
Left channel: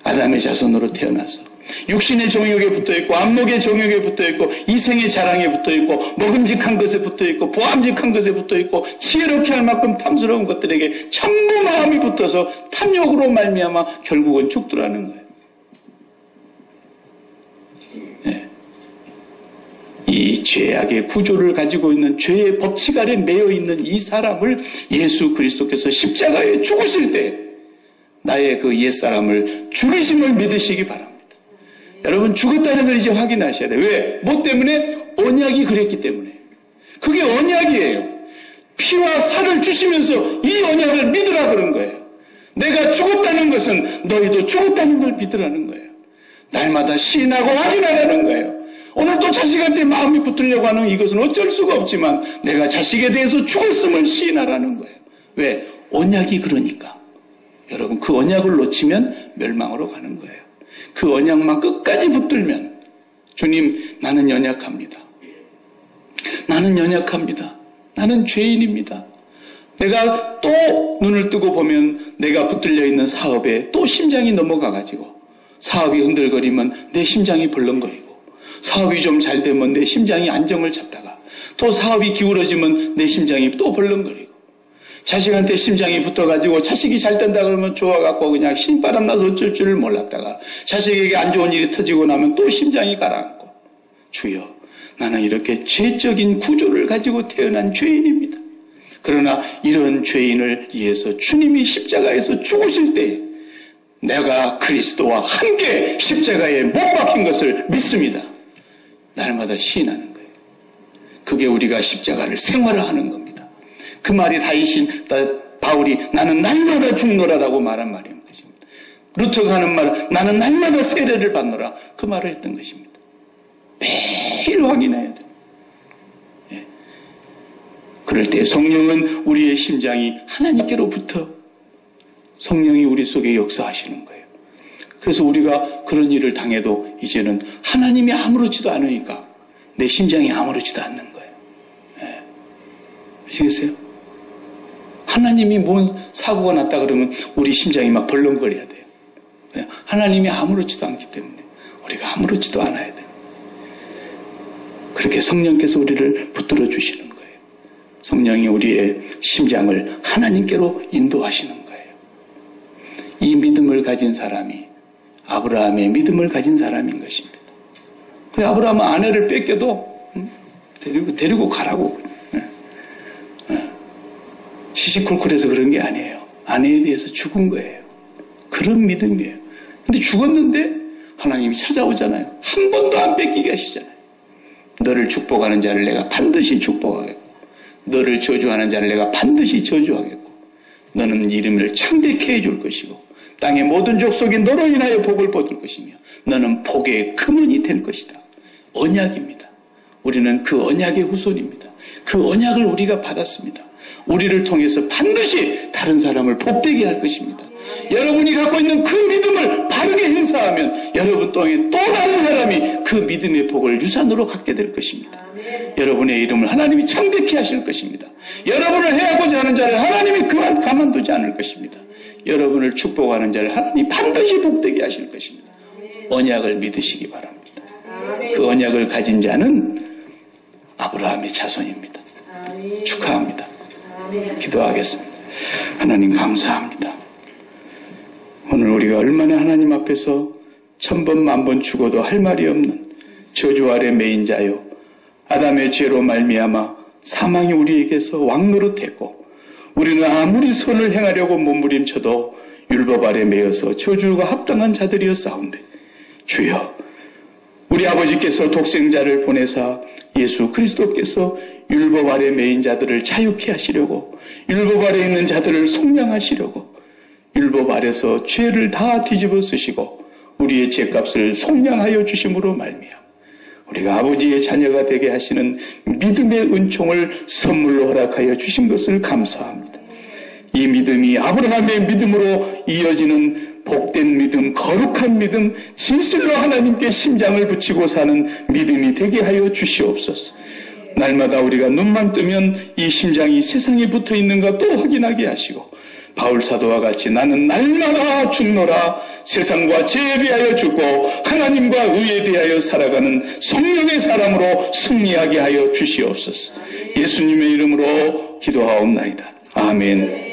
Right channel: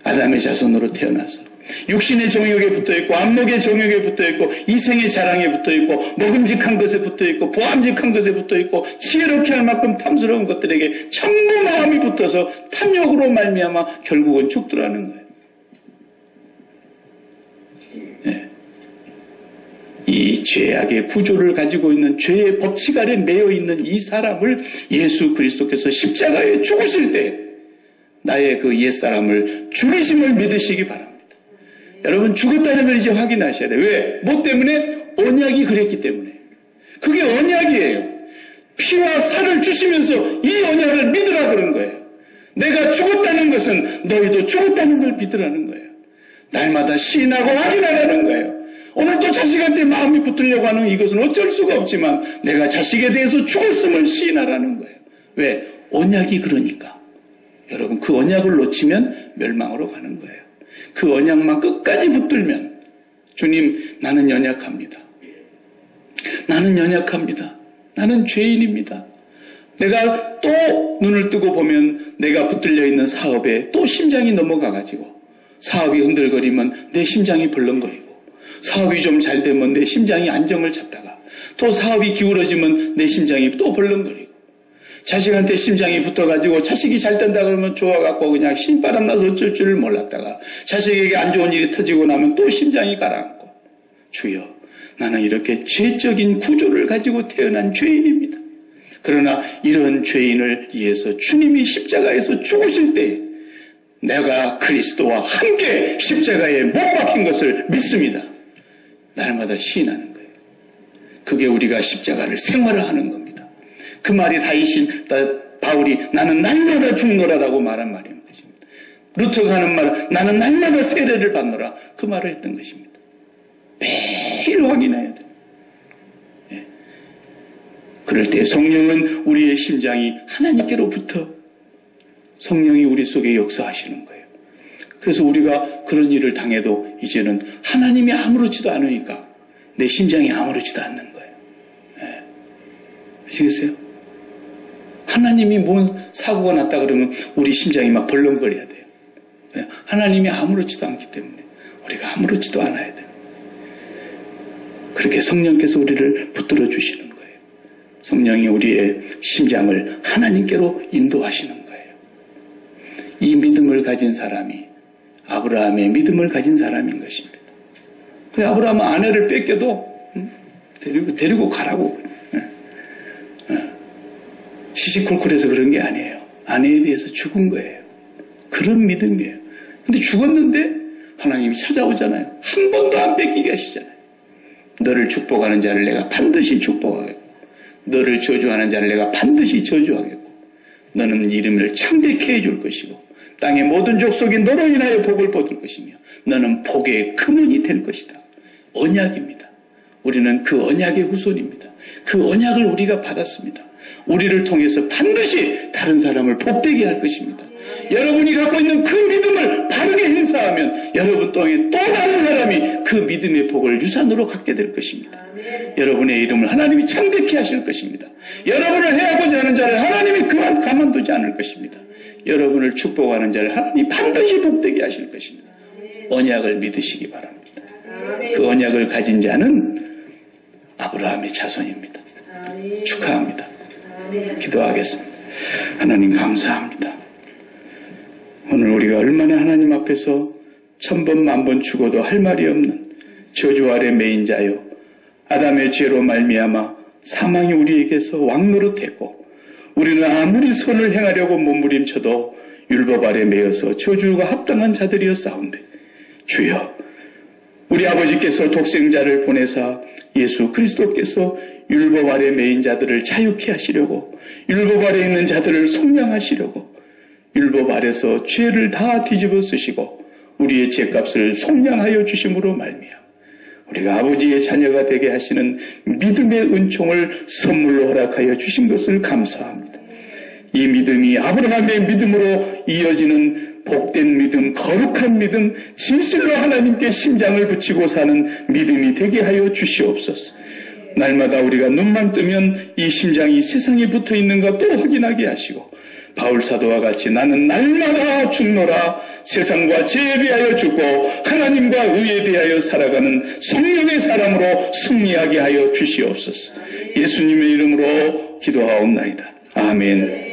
아담의 자손으로 태어나서 육신의 정욕에 붙어있고, 안목의 정욕에 붙어있고, 이생의 자랑에 붙어있고, 먹음직한 것에 붙어있고, 보암직한 것에 붙어있고, 지혜롭게 할 만큼 탐스러운 것들에게 전부 마음이 붙어서 탐욕으로 말미암아 결국은 죽더라는 거예요. 네. 이 죄악의 구조를 가지고 있는 죄의 법칙 아래 매여 있는 이 사람을 예수 그리스도께서 십자가에 죽으실 때 나의 그 옛사람을 죽이심을 믿으시기 바랍니다. 여러분, 죽었다는 걸 이제 확인하셔야 돼요. 왜? 뭐 때문에? 언약이 그랬기 때문에. 그게 언약이에요. 피와 살을 주시면서 이 언약을 믿으라 그런 거예요. 내가 죽었다는 것은 너희도 죽었다는 걸 믿으라는 거예요. 날마다 시인하고 확인하라는 거예요. 오늘 또 자식한테 마음이 붙으려고 하는 이것은 어쩔 수가 없지만 내가 자식에 대해서 죽었음을 시인하라는 거예요. 왜? 언약이 그러니까. 여러분, 그 언약을 놓치면 멸망으로 가는 거예요. 그 언약만 끝까지 붙들면, 주님, 나는 연약합니다. 나는 연약합니다. 나는 죄인입니다. 내가 또 눈을 뜨고 보면 내가 붙들려 있는 사업에 또 심장이 넘어가가지고, 사업이 흔들거리면 내 심장이 벌렁거리고, 사업이 좀 잘 되면 내 심장이 안정을 찾다가, 또 사업이 기울어지면 내 심장이 또 벌렁거리고, 자식한테 심장이 붙어가지고 자식이 잘 된다 그러면 좋아갖고 그냥 신바람 나서 어쩔 줄을 몰랐다가 자식에게 안 좋은 일이 터지고 나면 또 심장이 가라앉고, 주여, 나는 이렇게 죄적인 구조를 가지고 태어난 죄인입니다. 그러나 이런 죄인을 위해서 주님이 십자가에서 죽으실 때 내가 그리스도와 함께 십자가에 못 박힌 것을 믿습니다. 날마다 시인하는 거예요. 그게 우리가 십자가를 생활화하는 겁니다. 그 말이 바울이 나는 날마다 죽노라라고 말한 말인 것입니다. 루터가 하는 말, 나는 날마다 세례를 받노라. 그 말을 했던 것입니다. 매일 확인해야 돼요. 예. 그럴 때 성령은 우리의 심장이 하나님께로부터 성령이 우리 속에 역사하시는 거예요. 그래서 우리가 그런 일을 당해도 이제는 하나님이 아무렇지도 않으니까 내 심장이 아무렇지도 않는 거예요. 예. 아시겠어요? 하나님이 뭔 사고가 났다 그러면 우리 심장이 막 벌렁거려야 돼요. 하나님이 아무렇지도 않기 때문에 우리가 아무렇지도 않아야 돼요. 그렇게 성령께서 우리를 붙들어 주시는 거예요. 성령이 우리의 심장을 하나님께로 인도하시는 거예요. 이 믿음을 가진 사람이 아브라함의 믿음을 가진 사람인 것입니다. 아브라함은 아내를 뺏겨도 데리고 가라고. 시시콜콜해서 그런 게 아니에요. 아내에 대해서 죽은 거예요. 그런 믿음이에요. 근데 죽었는데 하나님이 찾아오잖아요. 한 번도 안 뺏기게 하시잖아요. 너를 축복하는 자를 내가 반드시 축복하겠고 너를 저주하는 자를 내가 반드시 저주하겠고 너는 이름을 창대케 해줄 것이고 땅의 모든 족속이 너로 인하여 복을 받을 것이며 너는 복의 근원이 될 것이다. 언약입니다. 우리는 그 언약의 후손입니다. 그 언약을 우리가 받았습니다. 우리를 통해서 반드시 다른 사람을 복되게 할 것입니다. 여러분이 갖고 있는 그 믿음을 바르게 행사하면 여러분 통해 또 다른 사람이 그 믿음의 복을 유산으로 갖게 될 것입니다. 여러분의 이름을 하나님이 창대케 하실 것입니다. 여러분을 해하고자 하는 자를 하나님이 가만두지 않을 것입니다. 여러분을 축복하는 자를 하나님이 반드시 복되게 하실 것입니다. 언약을 믿으시기 바랍니다. 그 언약을 가진 자는 아브라함의 자손입니다. 축하합니다. 기도하겠습니다. 하나님 감사합니다. 오늘 우리가 얼마나 하나님 앞에서 1000번 만번 죽어도 할 말이 없는 저주 아래 매인 자요 아담의 죄로 말미암아 사망이 우리에게서 왕노릇했고 우리는 아무리 선을 행하려고 몸부림쳐도 율법 아래 매여서 저주가 합당한 자들이었사온데 주여 우리 아버지께서 독생자를 보내사 예수 그리스도께서 율법 아래 매인 자들을 자유케 하시려고 율법 아래 있는 자들을 속량하시려고 율법 아래서 죄를 다 뒤집어 쓰시고 우리의 죄값을 속량하여 주심으로 말미암아 우리가 아버지의 자녀가 되게 하시는 믿음의 은총을 선물로 허락하여 주신 것을 감사합니다. 이 믿음이 아브라함의 믿음으로 이어지는 복된 믿음, 거룩한 믿음, 진실로 하나님께 심장을 붙이고 사는 믿음이 되게 하여 주시옵소서. 날마다 우리가 눈만 뜨면 이 심장이 세상에 붙어 있는가 또 확인하게 하시고 바울 사도와 같이 나는 날마다 죽노라 세상과 죄에 대하여 죽고 하나님과 의에 대하여 살아가는 성령의 사람으로 승리하게 하여 주시옵소서. 예수님의 이름으로 기도하옵나이다. 아멘.